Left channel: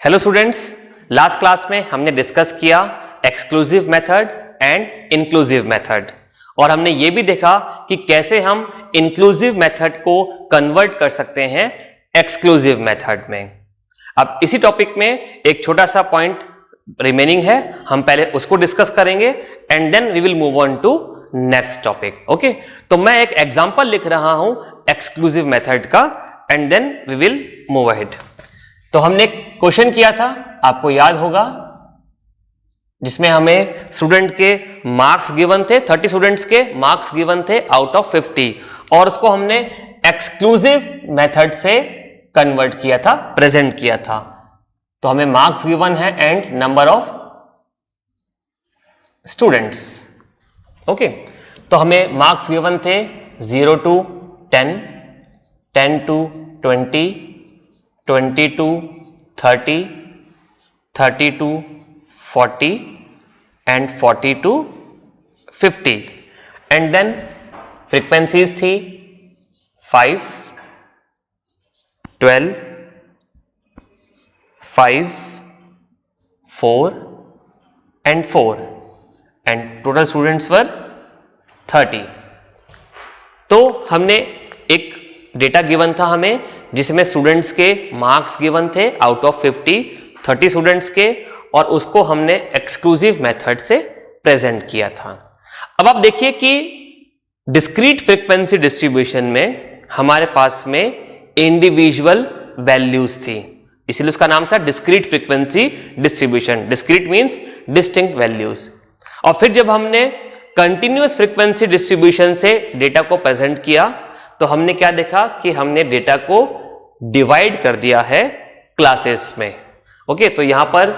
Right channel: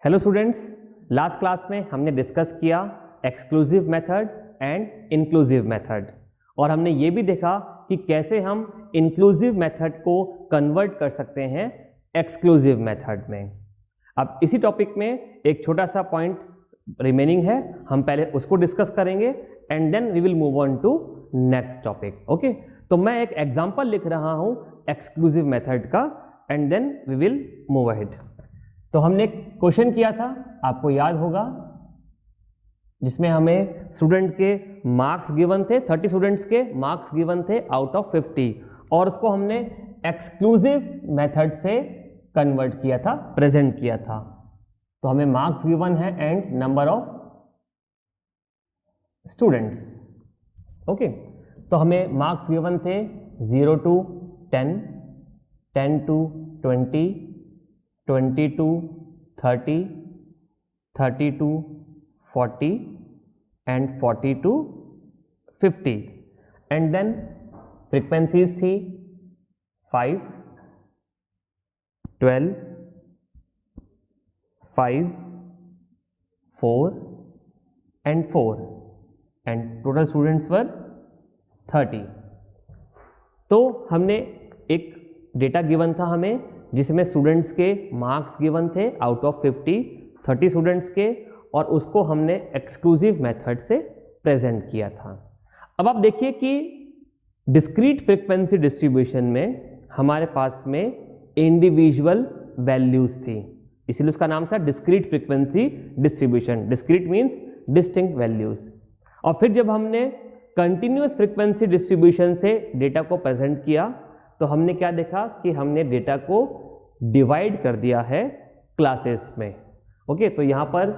Hello students, last class में हमने discuss किया exclusive method and inclusive method और हमने ये भी देखा कि कैसे हम इंक्लूसिव मेथड को कन्वर्ट कर सकते हैं एक्सक्लूसिव मेथड में। अब इसी टॉपिक में एक छोटा सा पॉइंट रिमेनिंग है, हम पहले उसको डिस्कस करेंगे and then we will move on to next topic. Okay, तो मैं एक एग्जांपल लिख रहा हूं एक्सक्लूसिव मेथड का and then we will move ahead. तो हमने एक क्वेश्चन किया था, आपको याद होगा, जिसमें हमें स्टूडेंट के मार्क्स गिवन थे, 30 स्टूडेंट्स के मार्क्स गिवन थे आउट ऑफ 50 और उसको हमने एक्सक्लूसिव मेथड से कन्वर्ट किया था, प्रेजेंट किया था। तो हमें मार्क्स गिवन है and number of students. Okay, तो हमें मार्क्स गिवन थे 0 to 10, 10 to 20, 20 to 30, 30 to 40 and 40 to 50 and then frequencies थी 5, 12, 5, 4 and 4 and total students were 30। तो हमने एक डेटा गिवन था हमें, जिसमें स्टूडेंट्स के मार्क्स गिवन थे आउट ऑफ 50, 30 स्टूडेंट्स के, और उसको हमने एक्सक्लूसिव मेथड से प्रेजेंट किया था। अब आप देखिए कि डिस्क्रीट फ्रीक्वेंसी डिस्ट्रीब्यूशन में हमारे पास में इंडिविजुअल वैल्यूज थी, इसीलिए उसका नाम था discrete frequency distribution. Discrete means distinct values. और फिर जब हमने कंटिन्यूअस फ्रीक्वेंसी डिस्ट्रीब्यूशन से डेटा को प्रेजेंट किया तो हमने क्या देखा कि हमने डेटा को डिवाइड कर दिया है क्लासेस में। ओके, तो यहां पर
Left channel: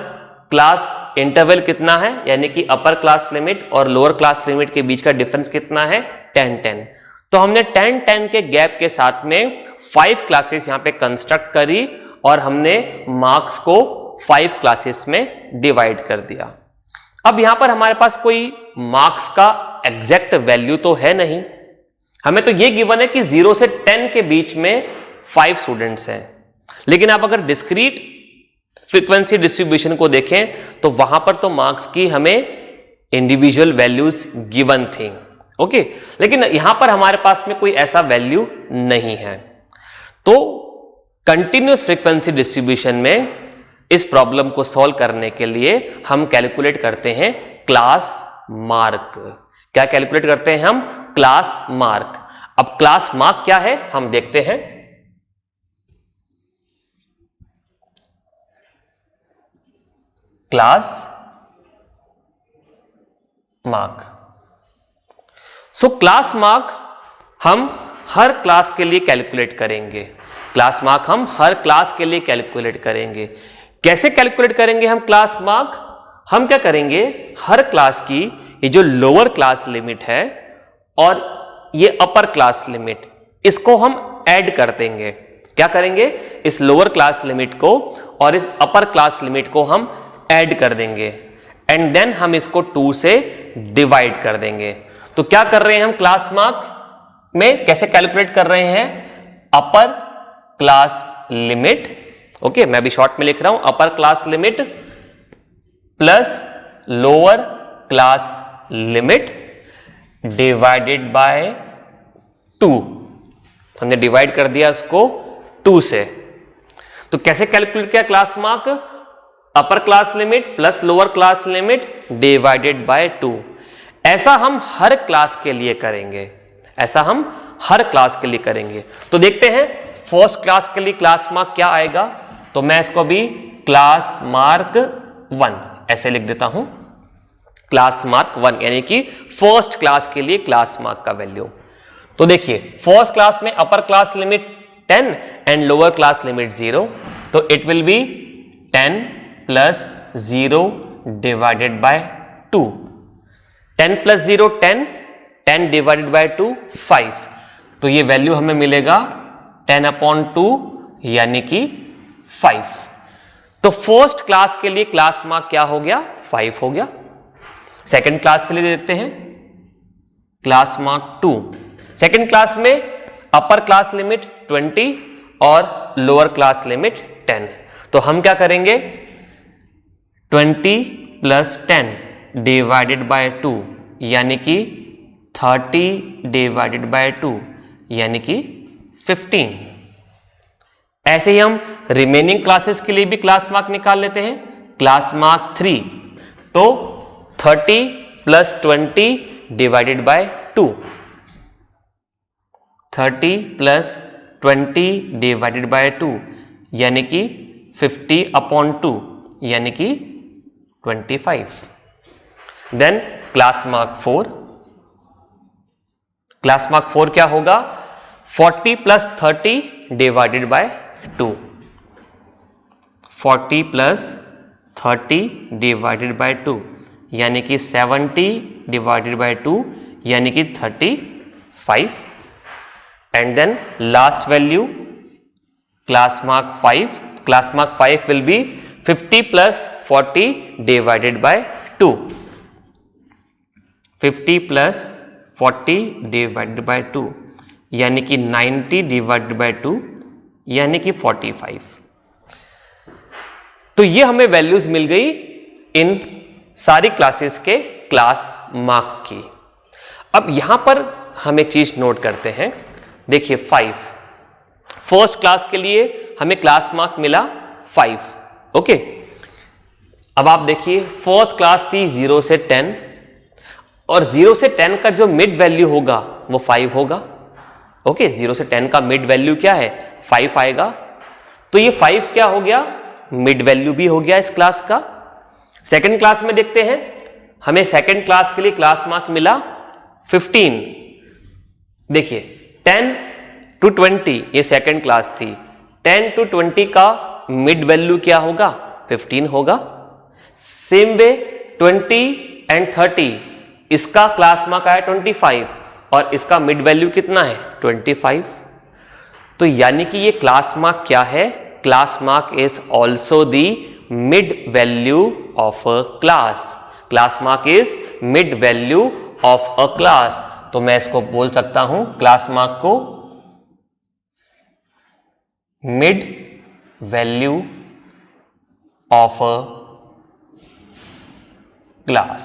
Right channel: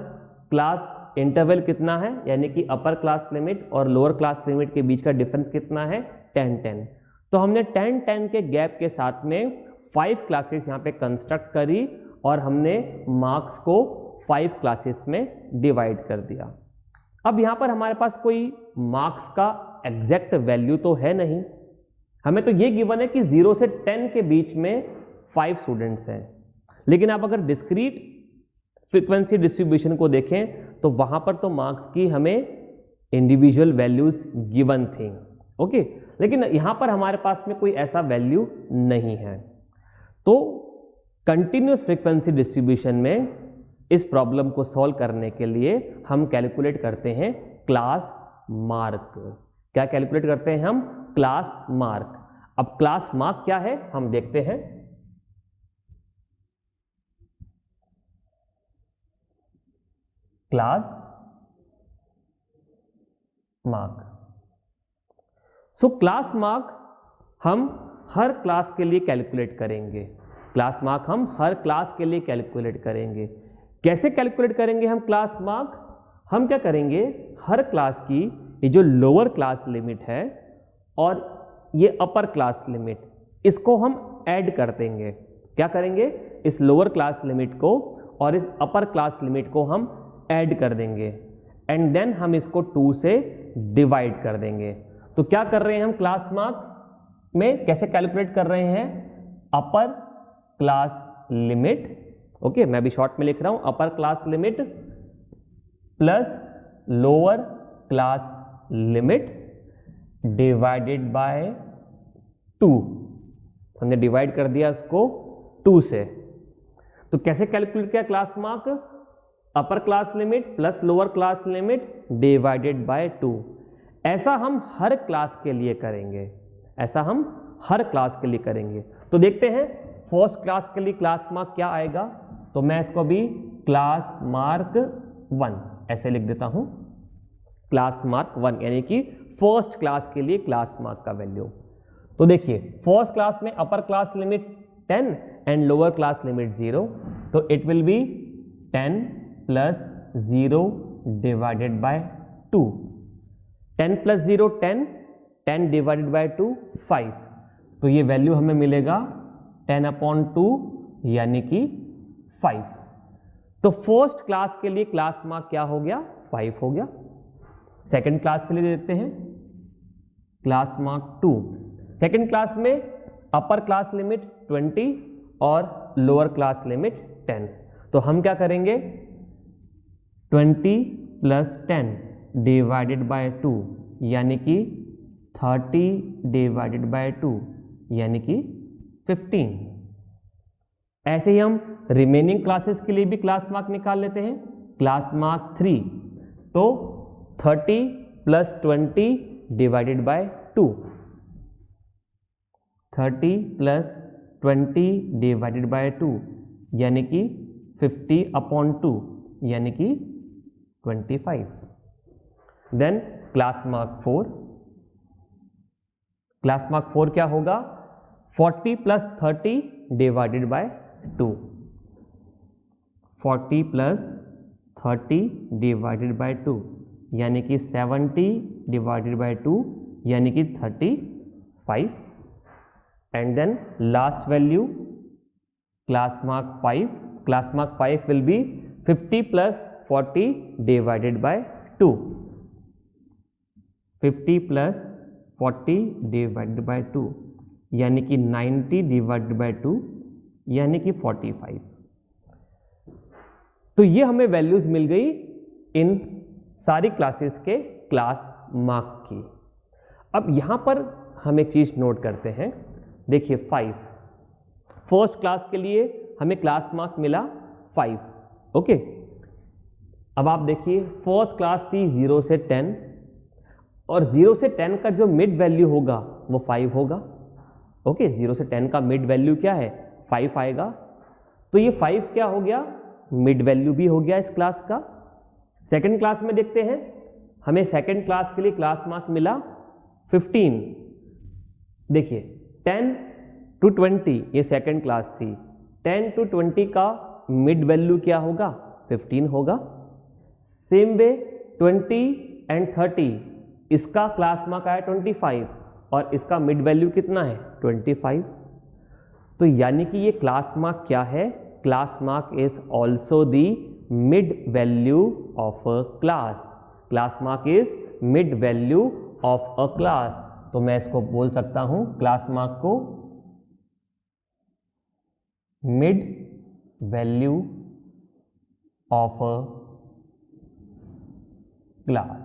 क्लास इंटरवल कितना है, यानी कि अपर क्लास लिमिट और लोअर क्लास लिमिट के बीच का डिफरेंस कितना है, 10-10। तो हमने 10-10 के गैप के साथ में 5 क्लासेस यहां पे कंस्ट्रक्ट करी और हमने मार्क्स को 5 क्लासेस में डिवाइड कर दिया। अब यहां पर हमारे पास कोई मार्क्स का एग्जैक्ट वैल्यू तो है नहीं, हमें तो ये गिवन है कि 0 से 10 के बीच में 5 स्टूडेंट्स हैं। लेकिन आप अगर डिस्क्रीट फ्रीक्वेंसी डिस्ट्रीब्यूशन को देखें तो वहां पर तो मार्क्स की हमें इंडिविजुअल वैल्यूज गिवन थी। ओके, लेकिन यहां पर हमारे पास में कोई ऐसा वैल्यू नहीं है। तो कंटिन्यूअस फ्रीक्वेंसी डिस्ट्रीब्यूशन में इस प्रॉब्लम को सॉल्व करने के लिए हम कैलकुलेट करते हैं क्लास मार्क। क्या कैलकुलेट करते हैं हम? Class mark. अब क्लास मार्क क्या है हम देखते हैं। Class mark, so class mark हम हर क्लास के लिए कैलकुलेट करेंगे। क्लास मार्क हम हर क्लास के लिए कैलकुलेट करेंगे। कैसे कैलकुलेट करेंगे हम क्लास मार्क? हम क्या करेंगे, हर क्लास की ये जो लोअर क्लास लिमिट है और ये अपर क्लास लिमिट, इसको हम ऐड कर देंगे। क्या करेंगे, इस लोअर क्लास लिमिट को और इस अपर क्लास लिमिट को हम ऐड कर देंगे एंड देन हम इसको 2 से डिवाइड कर देंगे। तो क्या कर रहे हैं हम क्लास मार्क में, कैसे कैलकुलेट कर रहे हैं? अपर क्लास लिमिट, ओके, मैं भी शॉर्ट में लिख रहा हूं, अपर class limit plus lower class limit divided by 2। हमने डिवाइड कर दिया इसको 2 से। तो कैसे कैलकुलेट किया class mark? Upper class limit plus lower class limit divided by 2। ऐसा हम हर क्लास के लिए करेंगे, ऐसा हम हर क्लास के लिए करेंगे। तो देखते हैं फर्स्ट क्लास के लिए क्लास मार्क क्या आएगा। तो मैं इसको भी क्लास मार्क 1 ऐसे लिख देता हूं, क्लास मार्क 1 यानी कि फर्स्ट क्लास के लिए क्लास मार्क का वैल्यू। तो देखिए फर्स्ट क्लास में अपर class limit 10 and lower class limit 0, तो it will be 10 plus 0 divided by 2। 10 plus 0 10, 10 divided by 2 5। तो ये वैल्यू हमें मिलेगा 10/2 यानी कि 5। तो फर्स्ट क्लास के लिए क्लास मार्क क्या हो गया? 5 हो गया। सेकेंड क्लास के लिए देखते हैं क्लास मार्क 2। सेकेंड क्लास में अपर क्लास लिमिट 20 और लोअर क्लास लिमिट 10। तो हम क्या करेंगे, 20 प्लस 10 डिवाइडेड बाय 2 यानी कि 30 डिवाइडेड बाय 2 यानी कि 15। ऐसे ही हम रिमेनिंग क्लासेस के लिए भी क्लास मार्क निकाल लेते हैं। क्लास मार्क 3 तो 30 plus 20 divided by 2, 30 plus 20 divided by 2 यानी कि 50/2 यानी कि 25। Then class mark 4, class mark 4 क्या होगा, 40 plus 30 divided by 2, 40 plus 30 divided by 2 यानी कि 70 डिवाइडेड बाय 2 यानी कि 35। And then last value class mark 5, class mark 5 will be 50 plus 40 divided by 2, 50 plus 40 divided by 2 यानी कि 90 डिवाइडेड बाय 2 यानी कि 45। तो ये हमें वैल्यूज मिल गई इन सारी क्लासेस के क्लास मार्क की। अब यहां पर हम एक चीज नोट करते हैं, देखिए 5 फर्स्ट क्लास के लिए हमें क्लास मार्क मिला 5। ओके, अब आप देखिए फर्स्ट क्लास थी 0 से 10 और 0 से 10 का जो मिड वैल्यू होगा वो 5 होगा। ओके, 0 से 10 का मिड वैल्यू क्या है, 5 आएगा। तो ये 5 क्या हो गया, मिड वैल्यू भी हो गया इस क्लास का। सेकंड क्लास में देखते हैं, हमें सेकंड क्लास के लिए क्लास मार्क मिला 15। देखिए 10 to 20 ये सेकंड क्लास थी, 10 to 20 का मिड वैल्यू क्या होगा, 15 होगा। सेम वे 20 एंड 30 इसका क्लास मार्क आया 25 और इसका मिड वैल्यू कितना है 25। तो यानी कि ये क्लास मार्क क्या है, class mark is also the mid value of a class. Class mark is mid value of a class. तो मैं इसको बोल सकता हूं क्लास मार्क को mid value of a class.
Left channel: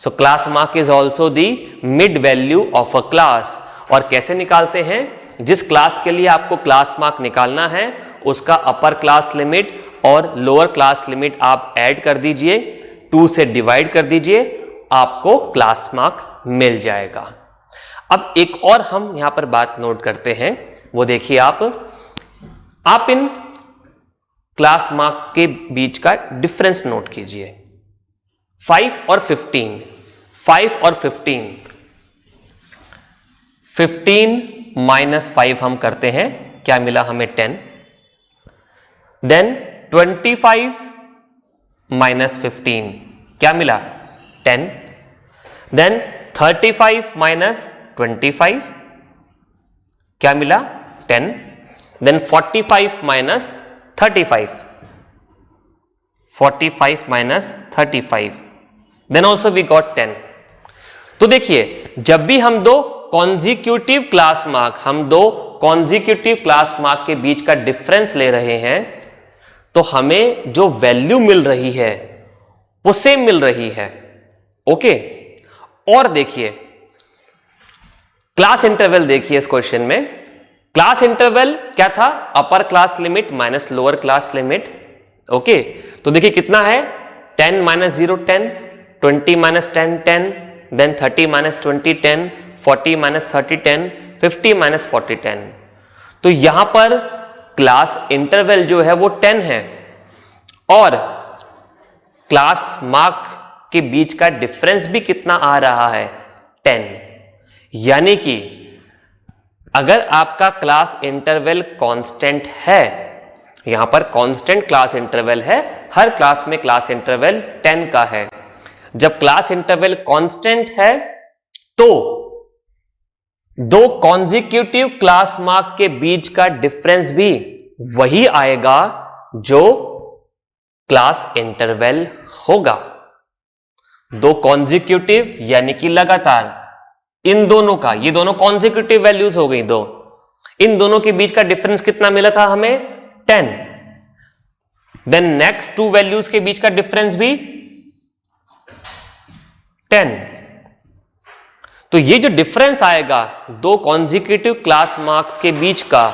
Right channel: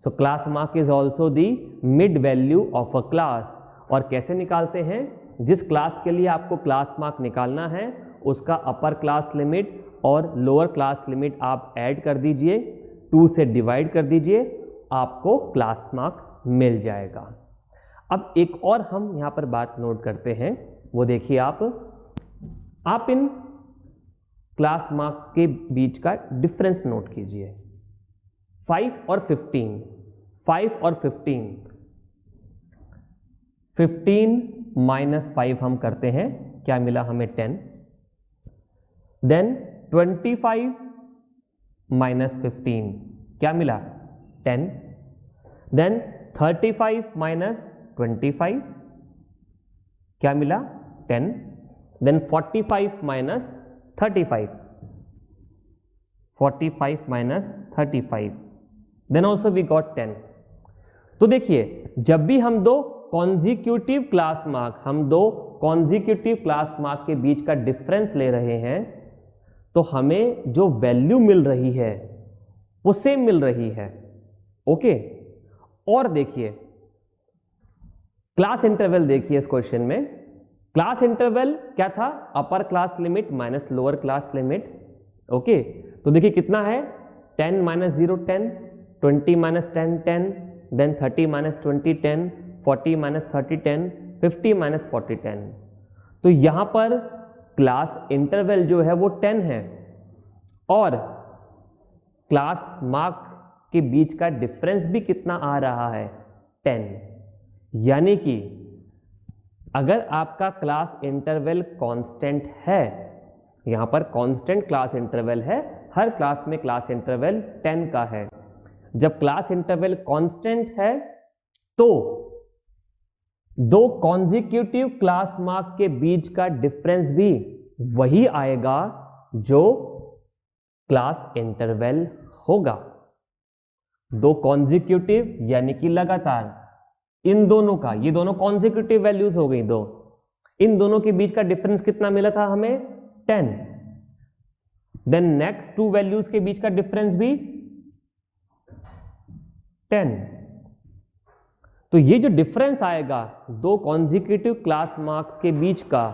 So class mark is also the mid value of a class. और कैसे निकालते हैं, जिस क्लास के लिए आपको क्लास मार्क निकालना है उसका अपर क्लास लिमिट और लोअर क्लास लिमिट आप ऐड कर दीजिए, 2 से डिवाइड कर दीजिए, आपको क्लास मार्क मिल जाएगा। अब एक और हम यहां पर बात नोट करते हैं, वो देखिए आप इन क्लास मार्क के बीच का डिफरेंस नोट कीजिए। 5 और 15, 5 और 15, 15 माइनस 5 हम करते हैं, क्या मिला हमें 10। देन 25 माइनस 15 क्या मिला 10। देन 35 माइनस 25 क्या मिला 10। Then 45 minus 35, 45 minus 35, then also we got 10। तो देखिए जब भी हम दो कॉन्जिक्यूटिव क्लास मार्क के बीच का डिफरेंस ले रहे हैं तो हमें जो वैल्यू मिल रही है वो सेम मिल रही है। ओके, और देखिए क्लास इंटरवल, देखिए इस क्वेश्चन में क्लास इंटरवल क्या था, upper class limit minus lower class limit. Okay, तो देखिए कितना है 10 minus 0 10, 20 minus 10 10, then 30 minus 20 10, 40 minus 30 10, 50 minus 40 10। तो यहां पर क्लास इंटरवल जो है वो 10 है और क्लास मार्क के बीच का डिफरेंस भी कितना आ रहा है 10। यानी कि अगर आपका क्लास इंटरवल कांस्टेंट है, यहां पर कांस्टेंट क्लास इंटरवल है, हर क्लास में क्लास इंटरवल 10 का है। जब क्लास इंटरवल कांस्टेंट है तो दो कॉन्जिक्यूटिव क्लास मार्क के बीच का डिफरेंस भी वही आएगा जो क्लास इंटरवल होगा। दो कॉन्जिक्यूटिव यानी कि लगातार, इन दोनों का, ये दोनों कॉन्जिक्यूटिव वैल्यूज हो गई दो, इन दोनों के बीच का डिफरेंस कितना मिला था हमें 10। देन नेक्स्ट टू वैल्यूज के बीच का डिफरेंस भी 10। तो ये जो डिफरेंस आएगा दो कॉन्जिक्यूटिव क्लास मार्क्स के बीच का,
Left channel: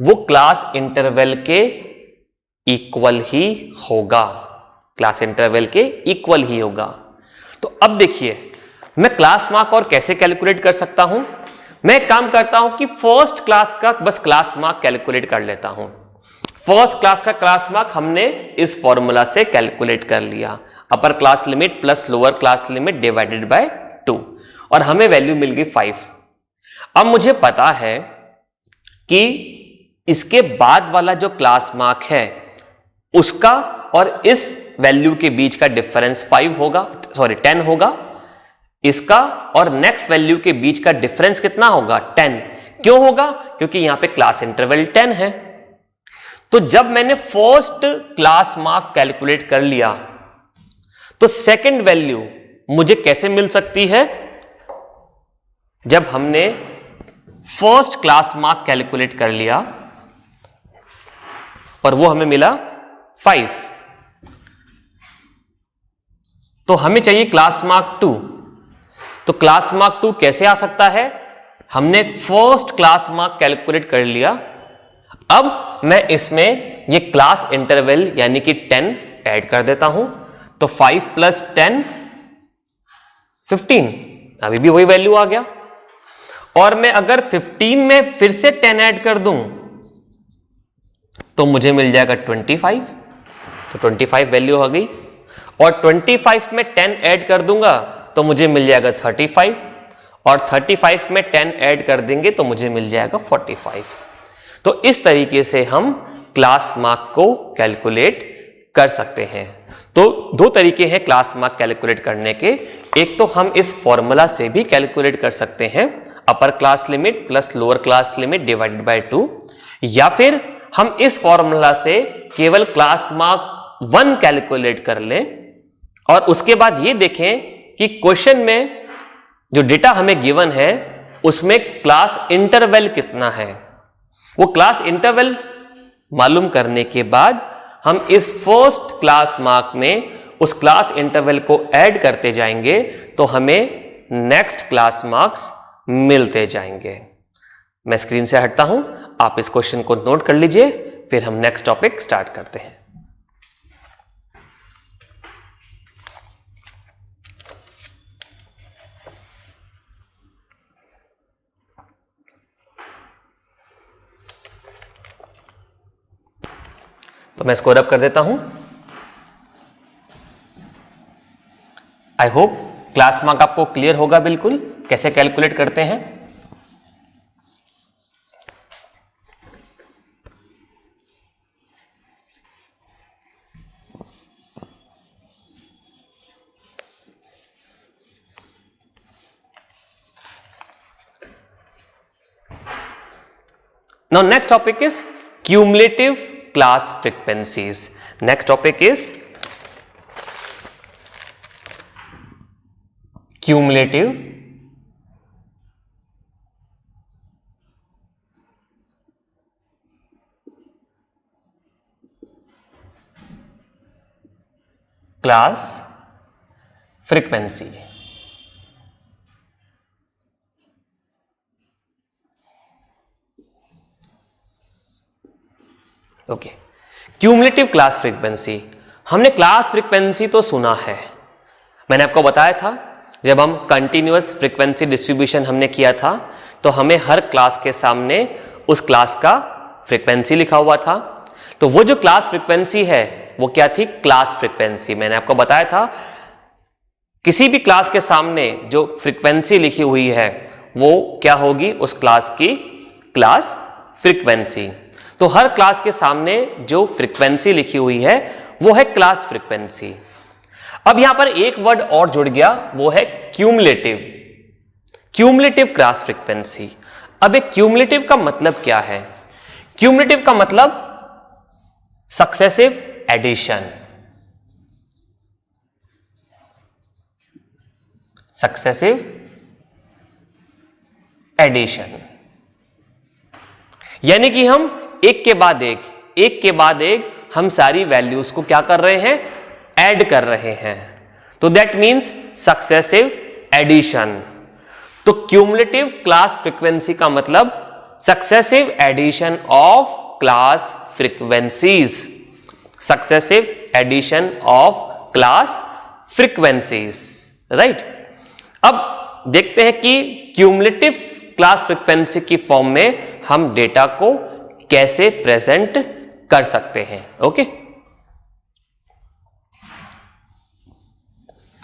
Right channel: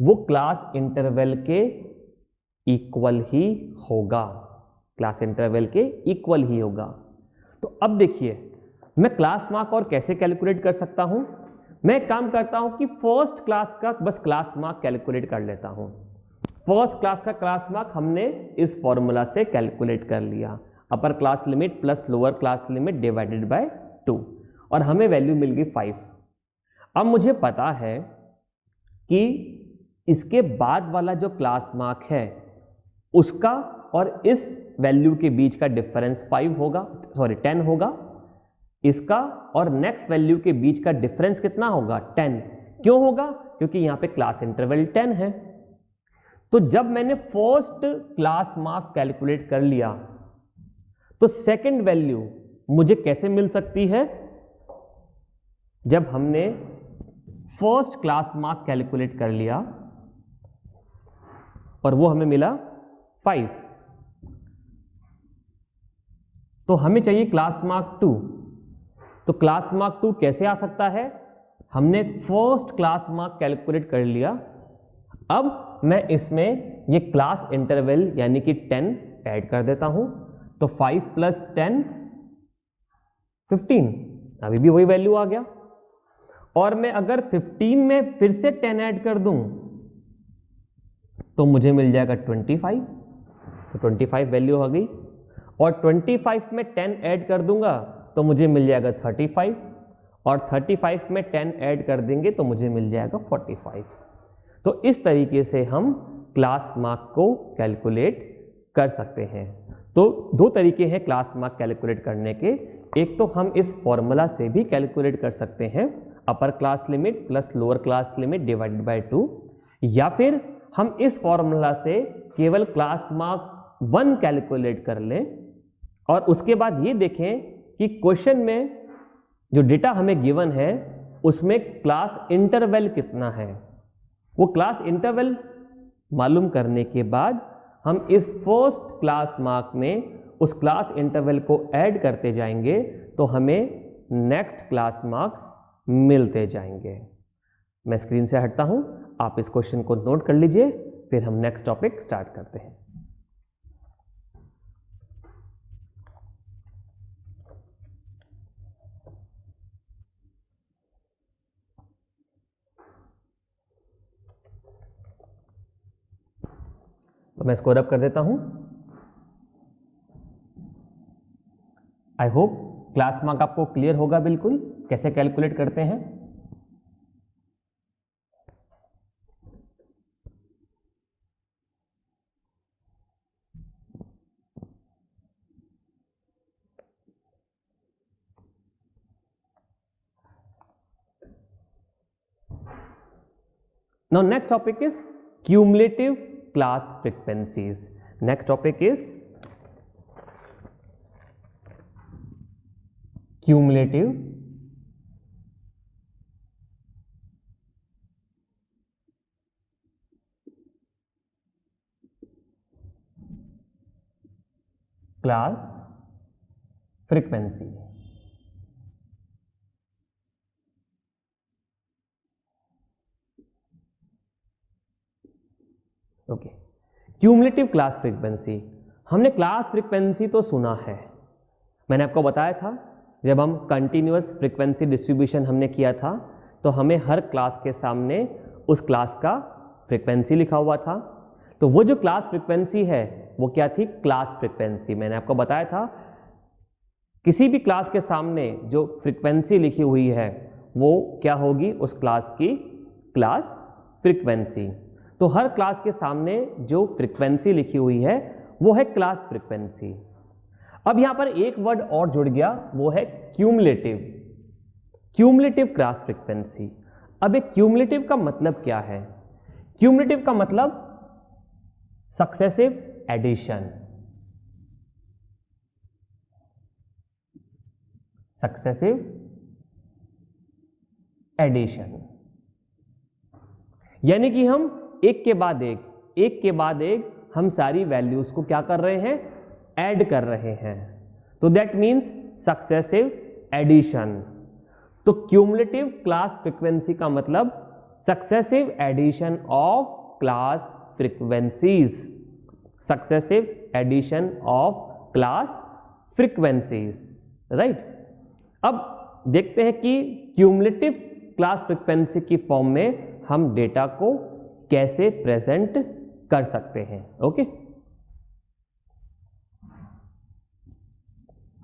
वो क्लास इंटरवल के इक्वल ही होगा, क्लास इंटरवल के इक्वल ही होगा। तो अब देखिए मैं क्लास मार्क और कैसे कैलकुलेट कर सकता हूं। मैं एक काम करता हूं कि फर्स्ट क्लास का बस क्लास मार्क कैलकुलेट कर लेता हूं। फर्स्ट क्लास का क्लास मार्क हमने इस फॉर्मूला से कैलकुलेट कर लिया, अपर class limit plus lower class limit divided by 2, और हमें वैल्यू मिल गई 5। अब मुझे पता है कि इसके बाद वाला जो क्लास मार्क है उसका और इस वैल्यू के बीच का डिफरेंस 10 होगा। इसका और नेक्स्ट वैल्यू के बीच का डिफरेंस कितना होगा? 10। क्यों होगा? क्योंकि यहां पे क्लास इंटरवल 10 है। तो जब मैंने फर्स्ट क्लास मार्क कैलकुलेट कर लिया तो सेकंड वैल्यू मुझे कैसे मिल सकती है? जब हमने फर्स्ट क्लास मार्क कैलकुलेट कर लिया और वो हमें मिला 5, तो हमें चाहिए क्लास मार्क 2। तो क्लास मार्क 2 कैसे आ सकता है? हमने फर्स्ट क्लास मार्क कैलकुलेट कर लिया, अब मैं इसमें ये क्लास इंटरवल यानी कि 10 ऐड कर देता हूं। तो 5 + 10 15, अभी भी वही वैल्यू आ गया। और मैं अगर 15 में फिर से 10 ऐड कर दूं तो मुझे मिल जाएगा 25। तो 25 वैल्यू आ गई, और 25 में 10 ऐड कर दूंगा तो मुझे मिल जाएगा 35, और 35 में 10 ऐड कर देंगे तो मुझे मिल जाएगा 45। तो इस तरीके से हम क्लास मार्क को कैलकुलेट कर सकते हैं। तो दो तरीके हैं क्लास मार्क कैलकुलेट करने के। एक तो हम इस फॉर्मूला से भी कैलकुलेट कर सकते हैं, अपर class limit plus lower class limit divided by 2, या फिर हम इस फॉर्मूला से केवल क्लास मार्क 1 कैलकुलेट कर लें और उसके बाद ये देखें कि क्वेश्चन में जो डेटा हमें गिवन है उसमें क्लास इंटरवल कितना है। वो क्लास इंटरवल मालूम करने के बाद हम इस फर्स्ट क्लास मार्क में उस क्लास इंटरवल को ऐड करते जाएंगे तो हमें नेक्स्ट क्लास मार्क्स मिलते जाएंगे। मैं स्क्रीन से हटता हूं, आप इस क्वेश्चन को नोट कर लीजिए, फिर हम नेक्स्ट टॉपिक स्टार्ट करते हैं। तो मैं स्कोर अप कर देता हूं। आई होप क्लास मार्क आपको क्लियर होगा बिल्कुल कैसे कैलकुलेट करते हैं। Now next topic is cumulative class frequencies. Next topic is cumulative class frequency. Okay, cumulative class frequency. हमने क्लास फ्रीक्वेंसी तो सुना है, मैंने आपको बताया था जब हम कंटिन्यूअस फ्रीक्वेंसी डिस्ट्रीब्यूशन हमने किया था तो हमें हर क्लास के सामने उस क्लास का फ्रीक्वेंसी लिखा हुआ था। तो वो जो क्लास फ्रीक्वेंसी है वो क्या थी? Class frequency. मैंने आपको बताया था किसी भी क्लास के सामने जो फ्रीक्वेंसी लिखी हुई है वो क्या होगी? उस क्लास की क्लास फ्रीक्वेंसी। तो हर क्लास के सामने जो फ्रीक्वेंसी लिखी हुई है वो है क्लास फ्रीक्वेंसी। अब यहां पर एक वर्ड और जुड़ गया, वो है क्यूमुलेटिव। Cumulative class frequency. अब एक क्यूमुलेटिव का मतलब क्या है? क्यूमुलेटिव का मतलब सक्सेसिव एडिशन। सक्सेसिव एडिशन यानी कि हम एक के बाद एक हम सारी वैल्यूज को क्या कर रहे हैं, ऐड कर रहे हैं, तो दैट मीन्स सक्सेसिव एडिशन। तो क्यूमुलेटिव क्लास फ्रीक्वेंसी का मतलब successive addition of class frequencies, successive addition of class frequencies, right. अब देखते हैं कि क्यूमुलेटिव क्लास फ्रीक्वेंसी की फॉर्म में हम डेटा को कैसे प्रेजेंट कर सकते हैं। ओके,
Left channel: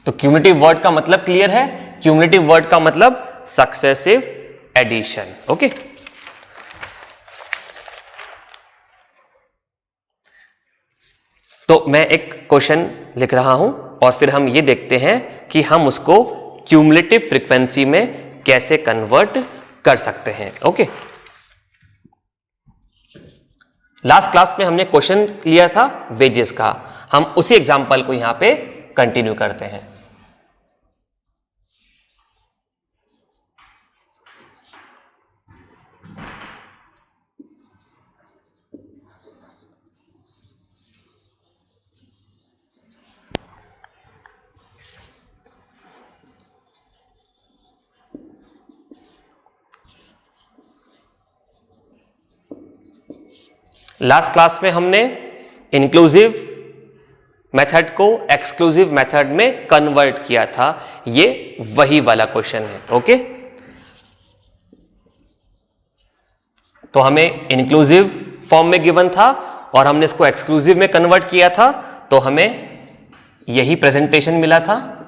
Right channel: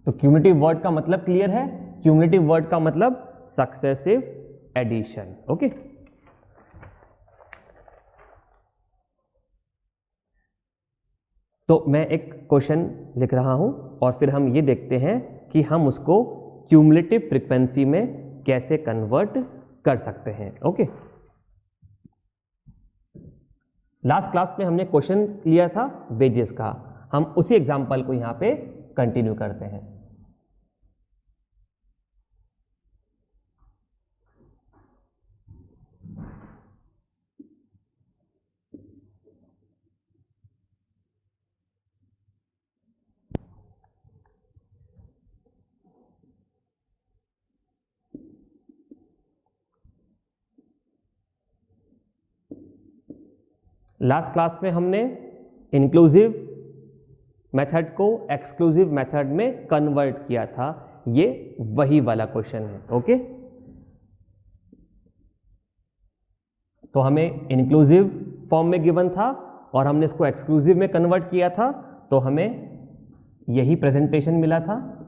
तो क्यूमुलेटिव वर्ड का मतलब क्लियर है, क्यूमुलेटिव वर्ड का मतलब सक्सेसिव एडिशन। ओके, तो मैं एक क्वेश्चन लिख रहा हूं और फिर हम ये देखते हैं कि हम उसको क्यूमुलेटिव फ्रीक्वेंसी में कैसे कन्वर्ट कर सकते हैं। ओके, लास्ट क्लास में हमने क्वेश्चन लिया था वेजेस का, हम उसी एग्जांपल को यहां पे कंटिन्यू करते हैं। लास्ट क्लास में हमने इंक्लूसिव मेथड को एक्सक्लूसिव मेथड में कन्वर्ट किया था, ये वही वाला क्वेश्चन है। ओके, तो हमें इंक्लूसिव फॉर्म में गिवन था और हमने इसको एक्सक्लूसिव में कन्वर्ट किया था, तो हमें यही प्रेजेंटेशन मिला था।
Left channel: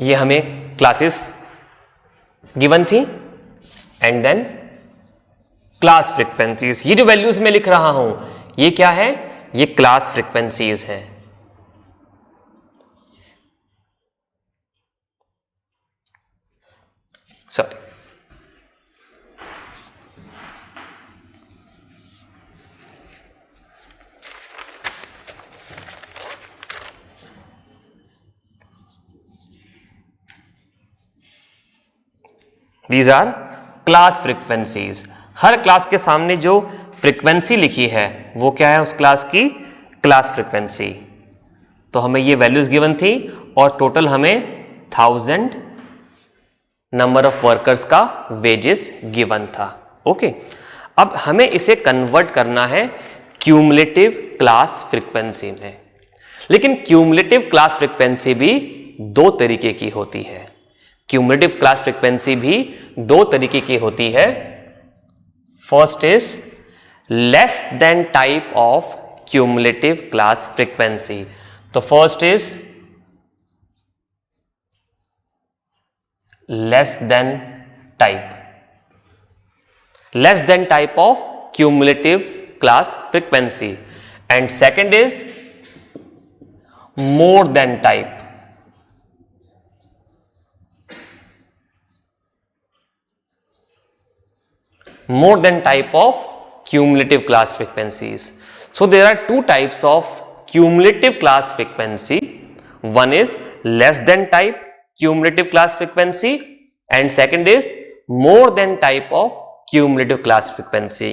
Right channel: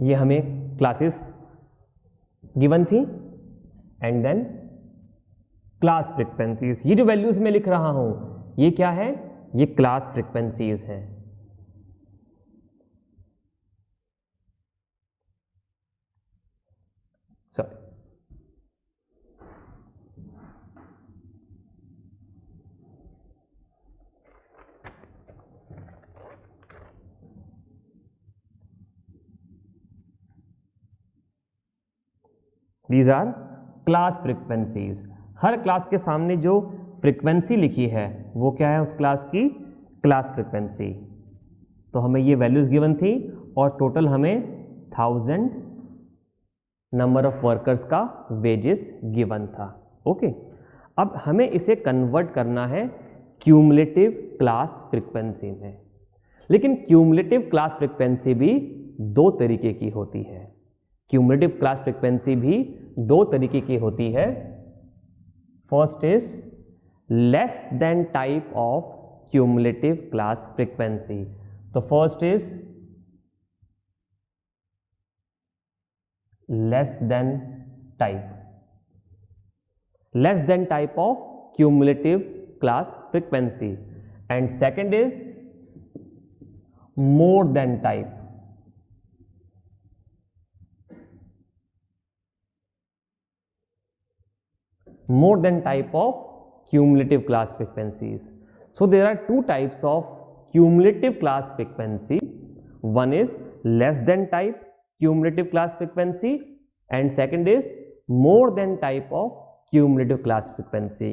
ये हमें क्लासेस गिवन थी एंड देन क्लास फ्रीक्वेंसीज। ये जो वैल्यूज में लिख रहा हूं ये क्या है, ये क्लास फ्रीक्वेंसीज हैं। Sorry, these are class frequencies. हर क्लास के सामने जो फ्रीक्वेंसी लिखी है वो क्या है, उस क्लास की क्लास फ्रीक्वेंसी। तो हमें ये वैल्यूज गिवन थी और टोटल हमें 1000 नंबर ऑफ वर्कर्स का वेजेस गिवन था। ओके, अब हमें इसे कन्वर्ट करना है क्यूमुलेटिव क्लास फ्रीक्वेंसी में। लेकिन क्यूमुलेटिव क्लास फ्रीक्वेंसी भी दो तरीके की होती है। क्यूमुलेटिव क्लास फ्रीक्वेंसी भी दो तरीके की होती है। First is less than type of cumulative class frequency. तो first is less than type of cumulative class frequency, and second is more than type. More than type of cumulative class frequencies. So there are two types of cumulative class frequency. One is less than type cumulative class frequency and second is more than type of cumulative class frequency.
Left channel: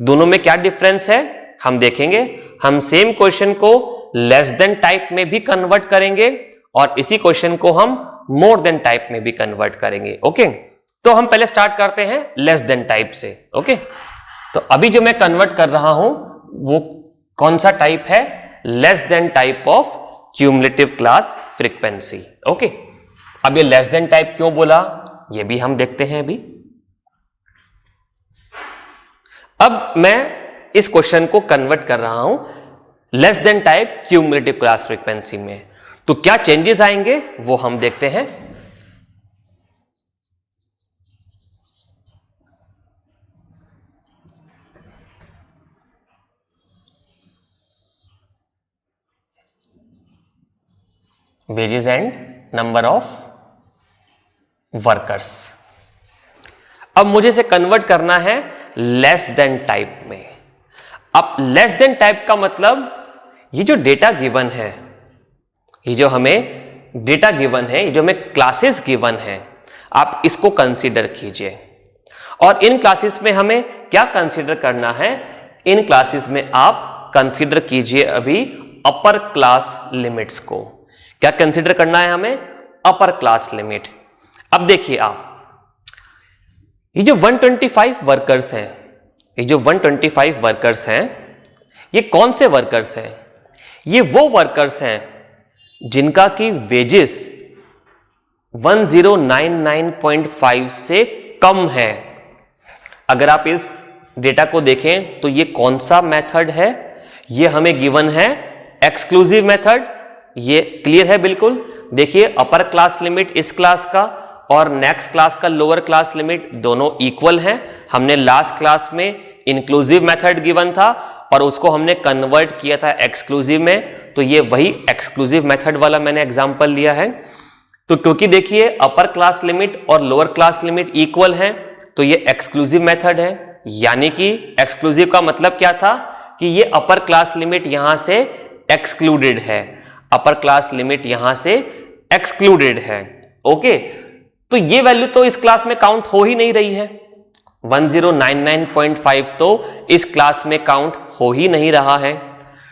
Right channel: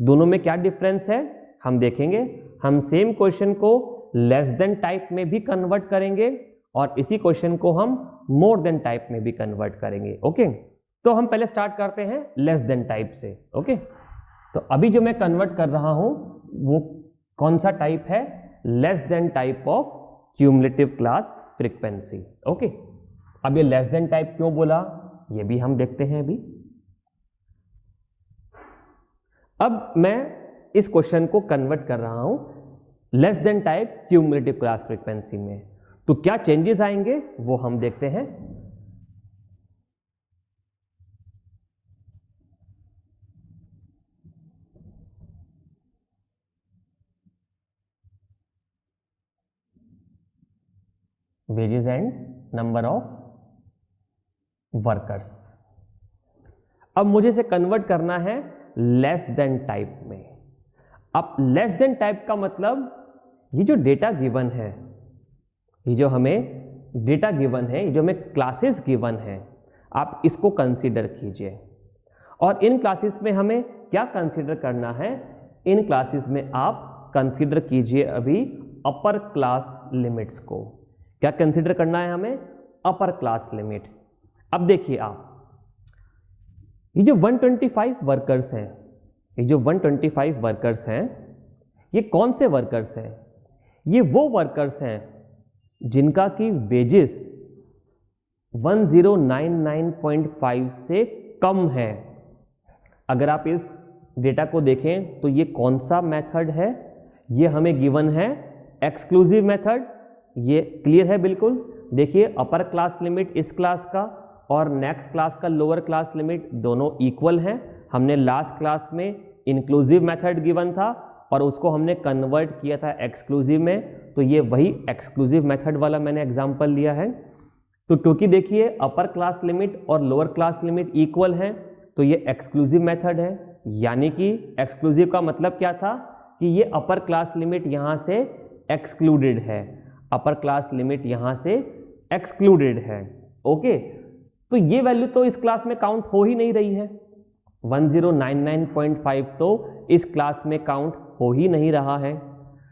दोनों में क्या difference है हम देखेंगे। हम same question को less than type में भी कन्वर्ट करेंगे और इसी क्वेश्चन को हम मोर देन टाइप में भी कन्वर्ट करेंगे। ओके, तो हम पहले स्टार्ट करते हैं लेस देन टाइप से। ओके, तो अभी जो मैं कन्वर्ट कर रहा हूं वो कौन सा टाइप है, less than type of cumulative class frequency. Okay, अब ये लेस देन टाइप क्यों बोला ये भी हम देखते हैं अभी। अब मैं इस क्वेश्चन को कन्वर्ट कर रहा हूं less than type cumulative class frequency में, तो क्या चेंजेस आएंगे वो हम देखते हैं। Wages and number of workers. अब मुझे इसे कन्वर्ट करना है लेस देन टाइप में। अब लेस देन टाइप का मतलब ये जो डेटा गिवन है, ये जो हमें डेटा गिवन है, ये जो हमें क्लासेस गिवन है, आप इसको कंसीडर कीजिए। और इन क्लासेस में हमें क्या कंसीडर करना है? इन क्लासेस में आप कंसीडर कीजिए अभी अपर क्लास लिमिट्स को। क्या कंसीडर करना है हमें? अपर क्लास लिमिट। अब देखिए आप, ये जो 125 वर्कर्स हैं, ये जो 125 वर्कर्स हैं, ये कौन से वर्कर्स हैं? ये वो वर्कर्स हैं जिनका की वेजेस 1099.5 से कम है। अगर आप इस डेटा को देखें तो ये कौन सा मेथड है? ये हमें गिवन है एक्सक्लूसिव मेथड। ये क्लियर है बिल्कुल। देखिए अपर क्लास लिमिट इस क्लास का और नेक्स्ट क्लास का लोअर क्लास लिमिट दोनों इक्वल हैं। हमने लास्ट क्लास में इंक्लूसिव मेथड गिवन था और उसको हमने कन्वर्ट किया था एक्सक्लूसिव में, तो ये वही एक्सक्लूसिव मेथड वाला मैंने एग्जांपल लिया है। तो क्योंकि देखिए अपर क्लास लिमिट और लोअर क्लास लिमिट इक्वल हैं, तो ये एक्सक्लूसिव मेथड है। यानी कि एक्सक्लूसिव का मतलब क्या था कि ये अपर क्लास लिमिट यहां से एक्सक्लूडेड है, अपर क्लास लिमिट यहां से एक्सक्लूडेड है। ओके, तो ये वैल्यू तो इस क्लास में काउंट हो ही नहीं रही है। 1099.5 तो इस क्लास में काउंट हो ही नहीं रहा है।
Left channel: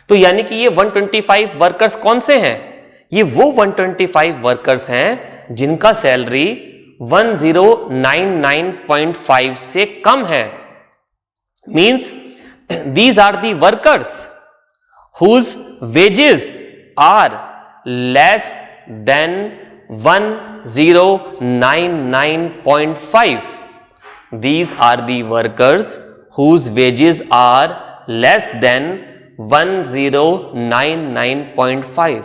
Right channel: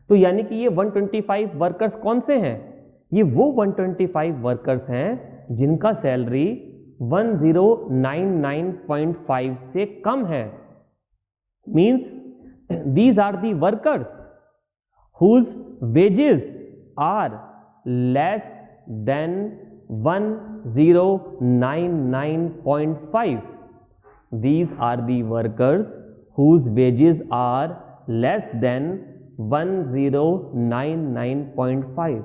तो यानी कि ये 125 वर्कर्स कौन से हैं? ये वो 125 वर्कर्स हैं जिनका सैलरी 1099.5 से कम है। Means these are the workers whose wages are less than 1099.5. These are the workers whose wages are less than 1099.5.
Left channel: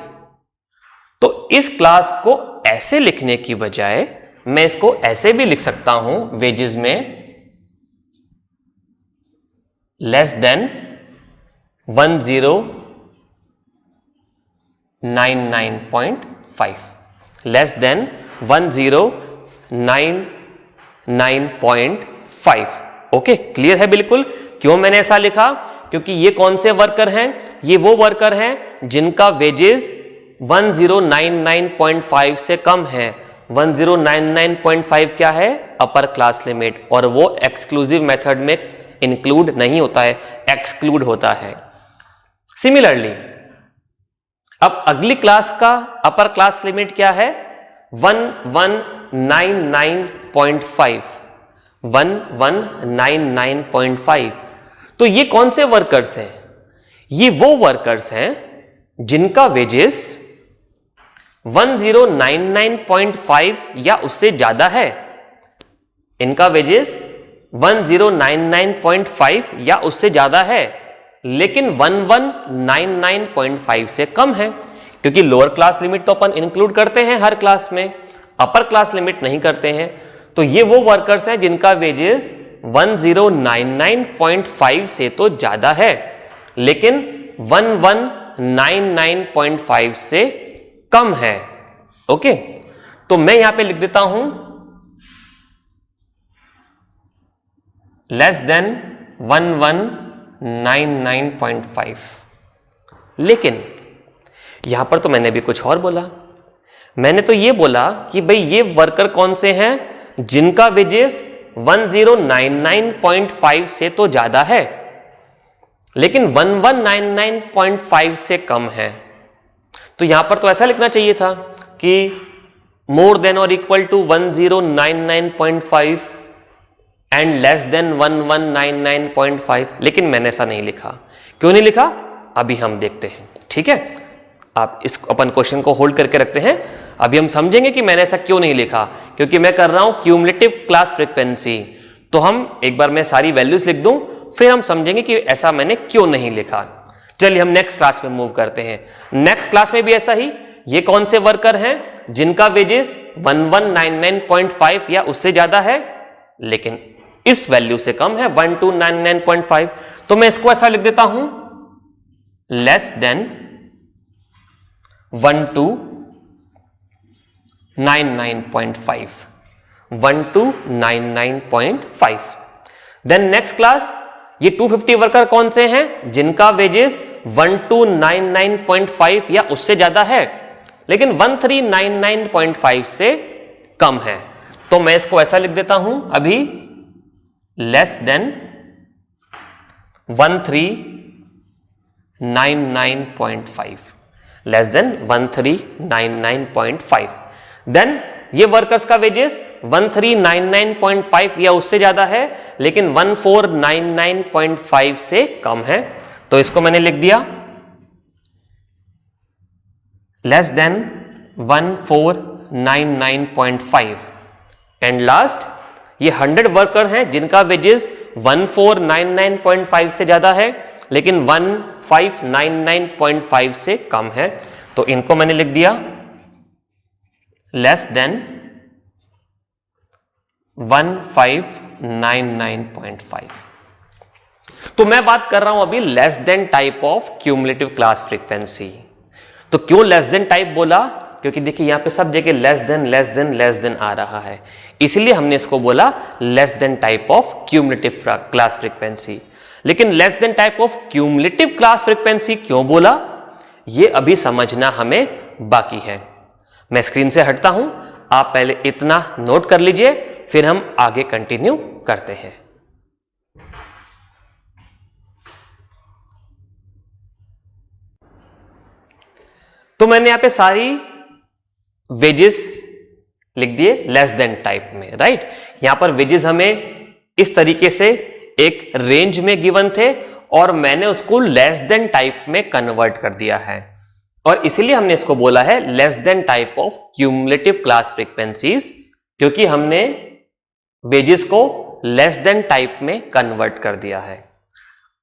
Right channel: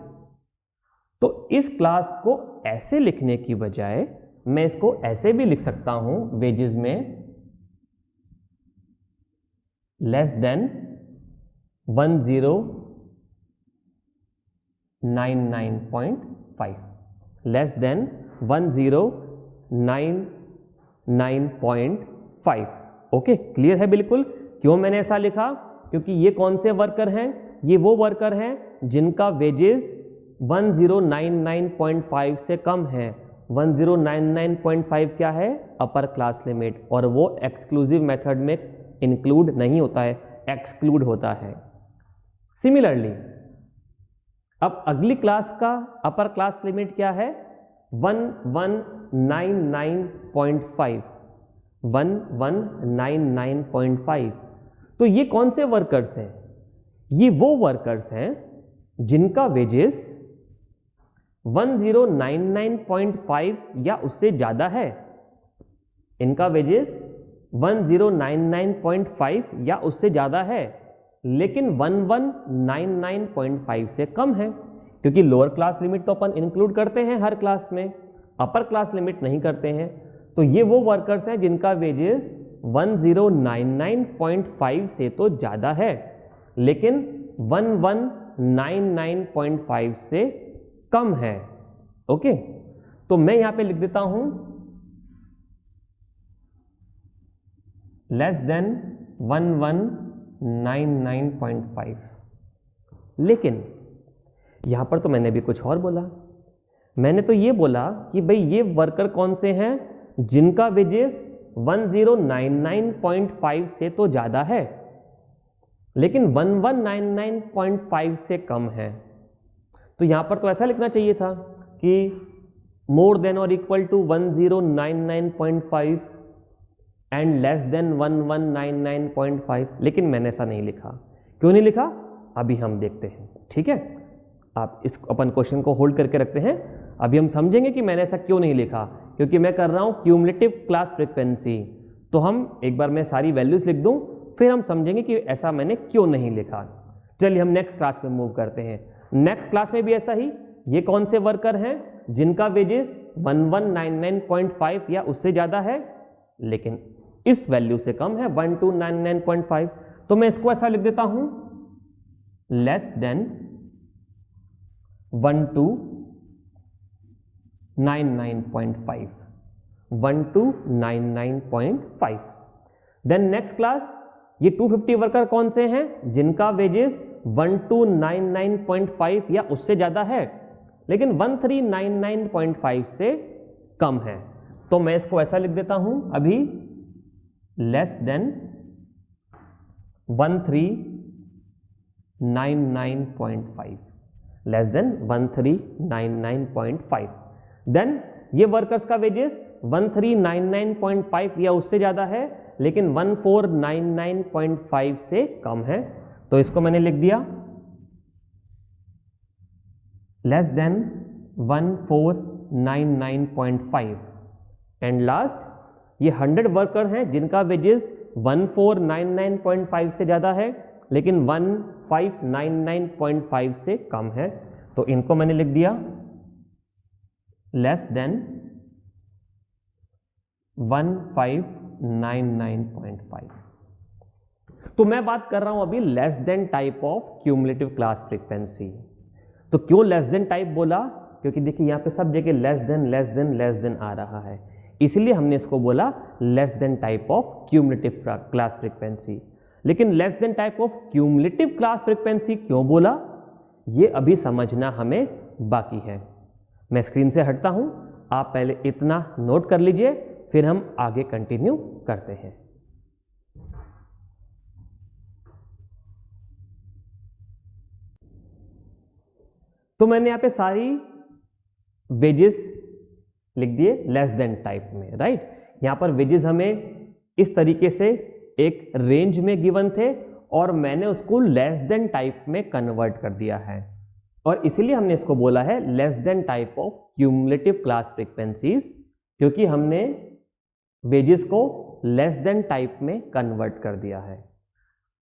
तो इस क्लास को ऐसे लिखने की बजाय मैं इसको ऐसे भी लिख सकता हूं, वेजेस में less than 1099.5, less than 1099.5। Okay, clear है बिल्कुल। क्यों मैंने ऐसा लिखा? क्योंकि ये कौन से वर्कर हैं? ये वो वर्कर हैं जिनका वेजेस 1099.5 से कम है। 1099.5 क्या है? अपर क्लास लिमिट, और वो एक्सक्लूसिव मेथड में इंक्लूड नहीं होता है, एक्सक्लूड होता है। सिमिलरली अब अगली क्लास का अपर क्लास लिमिट क्या है? 1199.5, 1199.5। तो ये कौन से वर्कर्स हैं? ये वो वर्कर्स हैं जिनका वेजेस 1099.5 या उससे ज्यादा है। इनका वेजेस 1099.5 या उससे ज्यादा है, लेकिन 1199.5 से कम है। क्योंकि लोअर क्लास लिमिट तो अपन इंक्लूड करते हैं हर क्लास में, अपर क्लास लिमिट नहीं करते हैं। तो ये वो वर्कर्स हैं जिनका वेजेस 1099.5 से तो ज्यादा है, लेकिन 1199.5 से कम है। ओके, तो मैं यहां पे लिख देता हूं लेस देन 1199.5। लेकिन यहां पर तो मैंने भी कुछ और बोला। मैंने तो ये बोला कि भाई ये वर्कर कौन से हैं जिनका वेजेस 1099.5 से तो ज्यादा है, लेकिन 1199.5 से कम है। तो यहां पर तो ऐसा लिखना चाहिए था कि मोर देन और equal to 1099.5 and less than 1199.5, लेकिन मैंने ऐसा नहीं लिखा। क्यों नहीं लिखा? अभी हम देखते हैं। ठीक है, आप इस अपन क्वेश्चन को होल्ड करके रखते हैं, अभी हम समझेंगे कि मैंने ऐसा क्यों नहीं लिखा। क्योंकि मैं कर रहा हूं क्यूमुलेटिव क्लास फ्रीक्वेंसी, तो हम एक बार मैं सारी वैल्यूज लिख दूं, फिर हम समझेंगे कि ऐसा मैंने क्यों नहीं लिखा। चलिए हम नेक्स्ट क्लास में मूव करते हैं। नेक्स्ट क्लास में भी ऐसा ही, ये कौन से वर्कर हैं जिनका वेजेस 1199.5 या उससे ज्यादा है, लेकिन इस वैल्यू से कम है 1299.5। तो मैं इसको ऐसा लिख देता हूं less than 99.5, 1 to 99.5। Then next class, ये 250 वर्कर कौन से हैं जिनका वेजेस 1 to 99.5 या उससे ज्यादा है लेकिन 1399.5 से कम है। तो मैं इसको ऐसा लिख देता हूं अभी, less than 1399.5, less than 1399.5। Then ये वर्कर्स का वेजेस 1399.5 या उससे ज्यादा है लेकिन 1499.5 से कम है, तो इसको मैंने लिख दिया लेस देन 1499.5। एंड लास्ट, ये 100 वर्कर हैं जिनका वेजेस 1499.5 से ज्यादा है लेकिन 1599.5 से कम है, तो इनको मैंने लिख दिया लेस देन 1599.5। तो मैं बात कर रहा हूं अभी less than type of cumulative class frequency. तो क्यों लेस देन टाइप बोला? क्योंकि देखिए यहां पे सब जगह लेस देन आ रहा है, इसलिए हमने इसको बोला less than type of cumulative class frequency. लेकिन less than type of cumulative class frequency क्यों बोला, ये अभी समझना हमें बाकी है। मैं स्क्रीन से हटता हूं, आप पहले इतना नोट कर लीजिए, फिर हम आगे कंटिन्यू करते हैं। तो मैंने यहां पे सारी वेजेस लिख दिए लेस देन टाइप में, राइट। यहां पर वेजेस हमें इस तरीके से एक रेंज में गिवन थे और मैंने उसको लेस देन टाइप में कन्वर्ट कर दिया है, और इसीलिए हमने इसको बोला है less than type of cumulative class frequencies, क्योंकि हमने वेजेस को लेस देन टाइप में कन्वर्ट कर दिया है।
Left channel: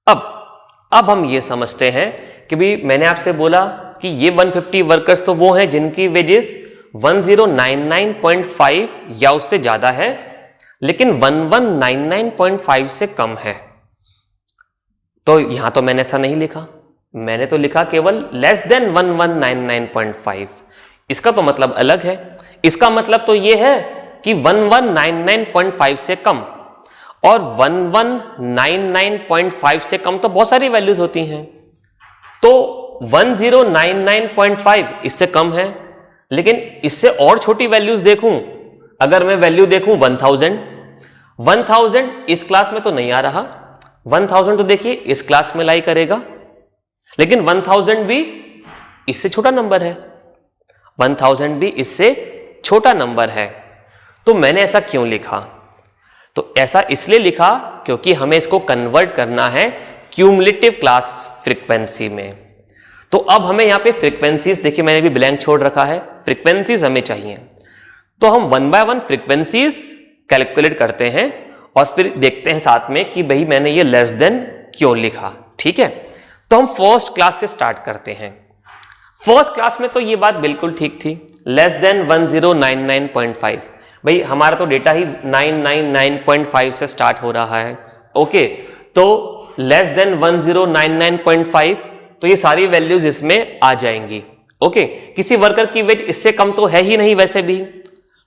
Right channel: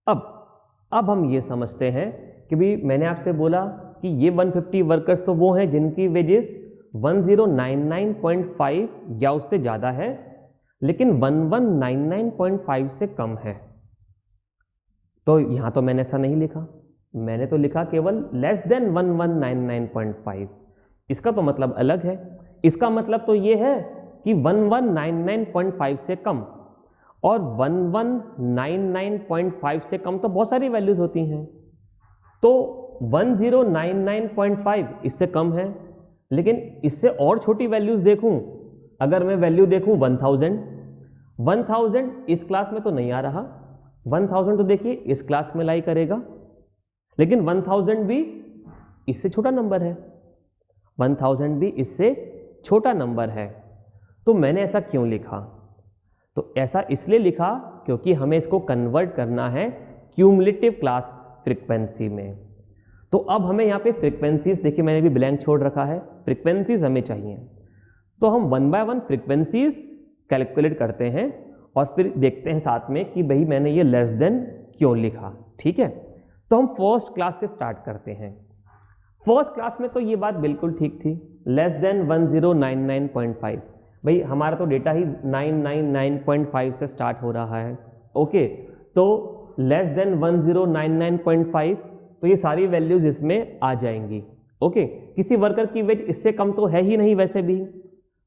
अब हम ये समझते हैं कि भी मैंने आपसे बोला कि ये 150 वर्कर्स तो वो हैं जिनकी वेजेस 1099.5 या उससे ज्यादा है लेकिन 1199.5 से कम है। तो यहां तो मैंने ऐसा नहीं लिखा, मैंने तो लिखा केवल लेस देन 1199.5। इसका तो मतलब अलग है, इसका मतलब तो ये है कि 1199.5 से कम, और 1199.5 से कम तो बहुत सारी वैल्यूज होती हैं। तो 1099.5 इससे कम है, लेकिन इससे और छोटी वैल्यूज देखूं, अगर मैं वैल्यू देखूं 1000 इस क्लास में तो नहीं आ रहा, 1000 तो देखिए इस क्लास में लाई करेगा, लेकिन 1000 भी इससे छोटा नंबर है, 1000 भी इससे छोटा नंबर है। तो मैंने ऐसा क्यों लिखा? तो ऐसा इसलिए लिखा क्योंकि हमें इसको कन्वर्ट करना है क्यूमुलेटिव क्लास फ्रीक्वेंसी में। तो अब हमें यहां पे फ्रीक्वेंसीज, देखिए मैंने भी ब्लैंक छोड़ रखा है, फ्रीक्वेंसीज हमें चाहिए। तो हम 1 बाय 1 फ्रीक्वेंसीज कैलकुलेट करते हैं और फिर देखते हैं साथ में कि भाई मैंने ये लेस देन क्यों लिखा, ठीक है। तो हम फर्स्ट क्लास से स्टार्ट करते हैं। फर्स्ट क्लास में तो ये बात बिल्कुल ठीक थी, लेस देन 1099.5। भाई हमारा तो डेटा ही 999.5 से स्टार्ट हो रहा है, ओके। तो लेस देन 1099.5, तो ये सारी वैल्यूज इसमें आ जाएंगी, ओके। किसी वर्कर की वेज इससे कम तो है ही नहीं, वैसे भी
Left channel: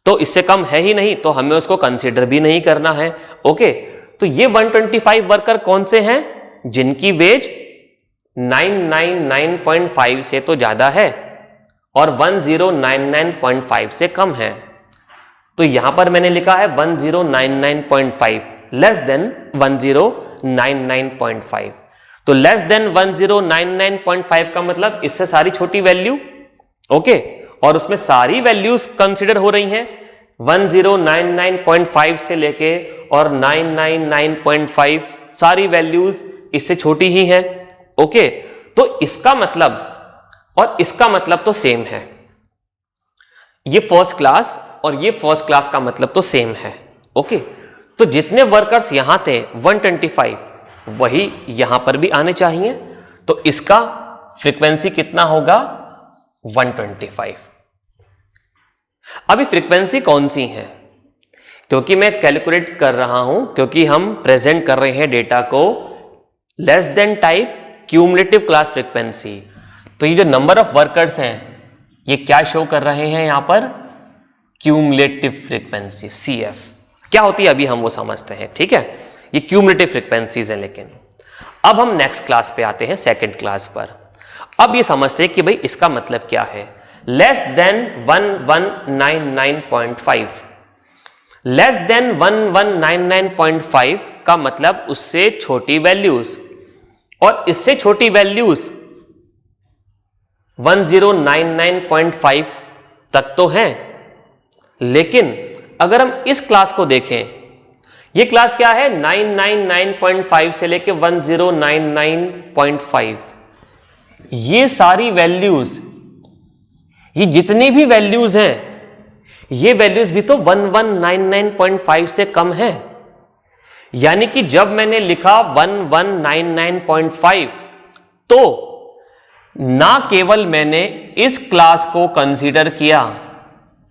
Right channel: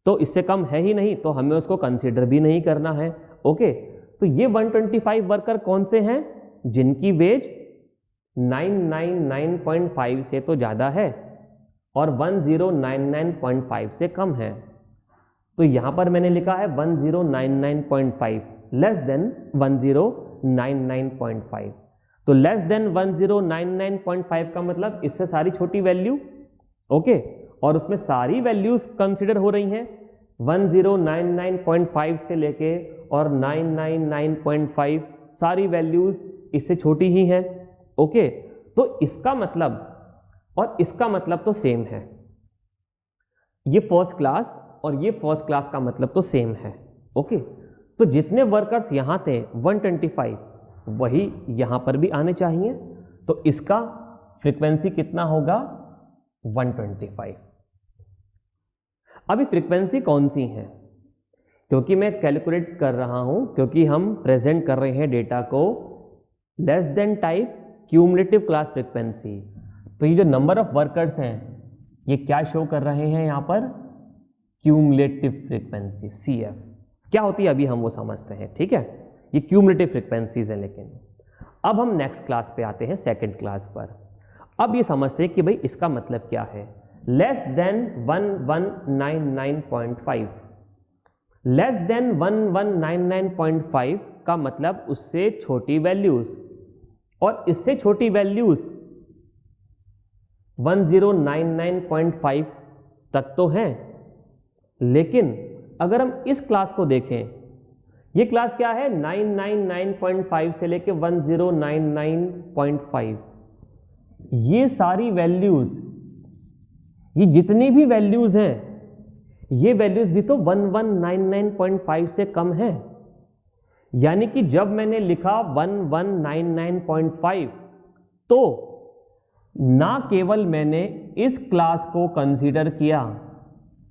तो इससे कम है ही नहीं, तो हमें उसको कंसीडर भी नहीं करना है, ओके। तो ये 125 वर्कर कौन से हैं जिनकी वेज 999.5 से तो ज्यादा है और 1099.5 से कम है। तो यहां पर मैंने लिखा है 1099.5 लेस देन 1099.5। तो लेस देन 1099.5 का मतलब इससे सारी छोटी वैल्यू, ओके, और उसमें सारी वैल्यूज कंसीडर हो रही हैं 1099.5 से लेके और 999.5, सारी वैल्यूज इससे छोटी ही हैं, ओके। तो इसका मतलब और इसका मतलब तो सेम है, ये फर्स्ट क्लास और ये फर्स्ट क्लास का मतलब तो सेम है, ओके। तो जितने वर्कर्स यहां थे 125, वही यहां पर भी आने चाहिए। तो इसका फ्रीक्वेंसी कितना होगा? 125। अभी फ्रीक्वेंसी कौन सी है? क्योंकि मैं कैलकुलेट कर रहा हूं, क्योंकि हम प्रेजेंट कर रहे हैं डेटा को less than type cumulative class frequency. तो ये जो नंबर ऑफ वर्कर्स हैं ये क्या शो कर रहे हैं यहां पर? क्यूमुलेटिव फ्रीक्वेंसी CF क्या होती है अभी हम वो समझते हैं, ठीक है। ये क्यूमुलेटिव फ्रीक्वेंसीज हैं। लेकिन अब हम नेक्स्ट क्लास पे आते हैं, सेकंड क्लास पर। अब ये समझते हैं कि भाई इसका मतलब क्या है। लेस देन 1199.5, लेस देन 1199.5 का मतलब उससे छोटी वैल्यूज, और इससे छोटी वैल्यूज 1099.5 तक तो हैं। लेकिन अगर हम इस क्लास को देखें, ये क्लास क्या है 999.5 से लेके 1099.5, ये सारी वैल्यूज, ये जितनी भी वैल्यूज हैं, ये वैल्यूज भी तो 1199.5 से कम है। यानी कि जब मैंने लिखा 1199.5 तो ना केवल मैंने इस क्लास को कंसीडर किया,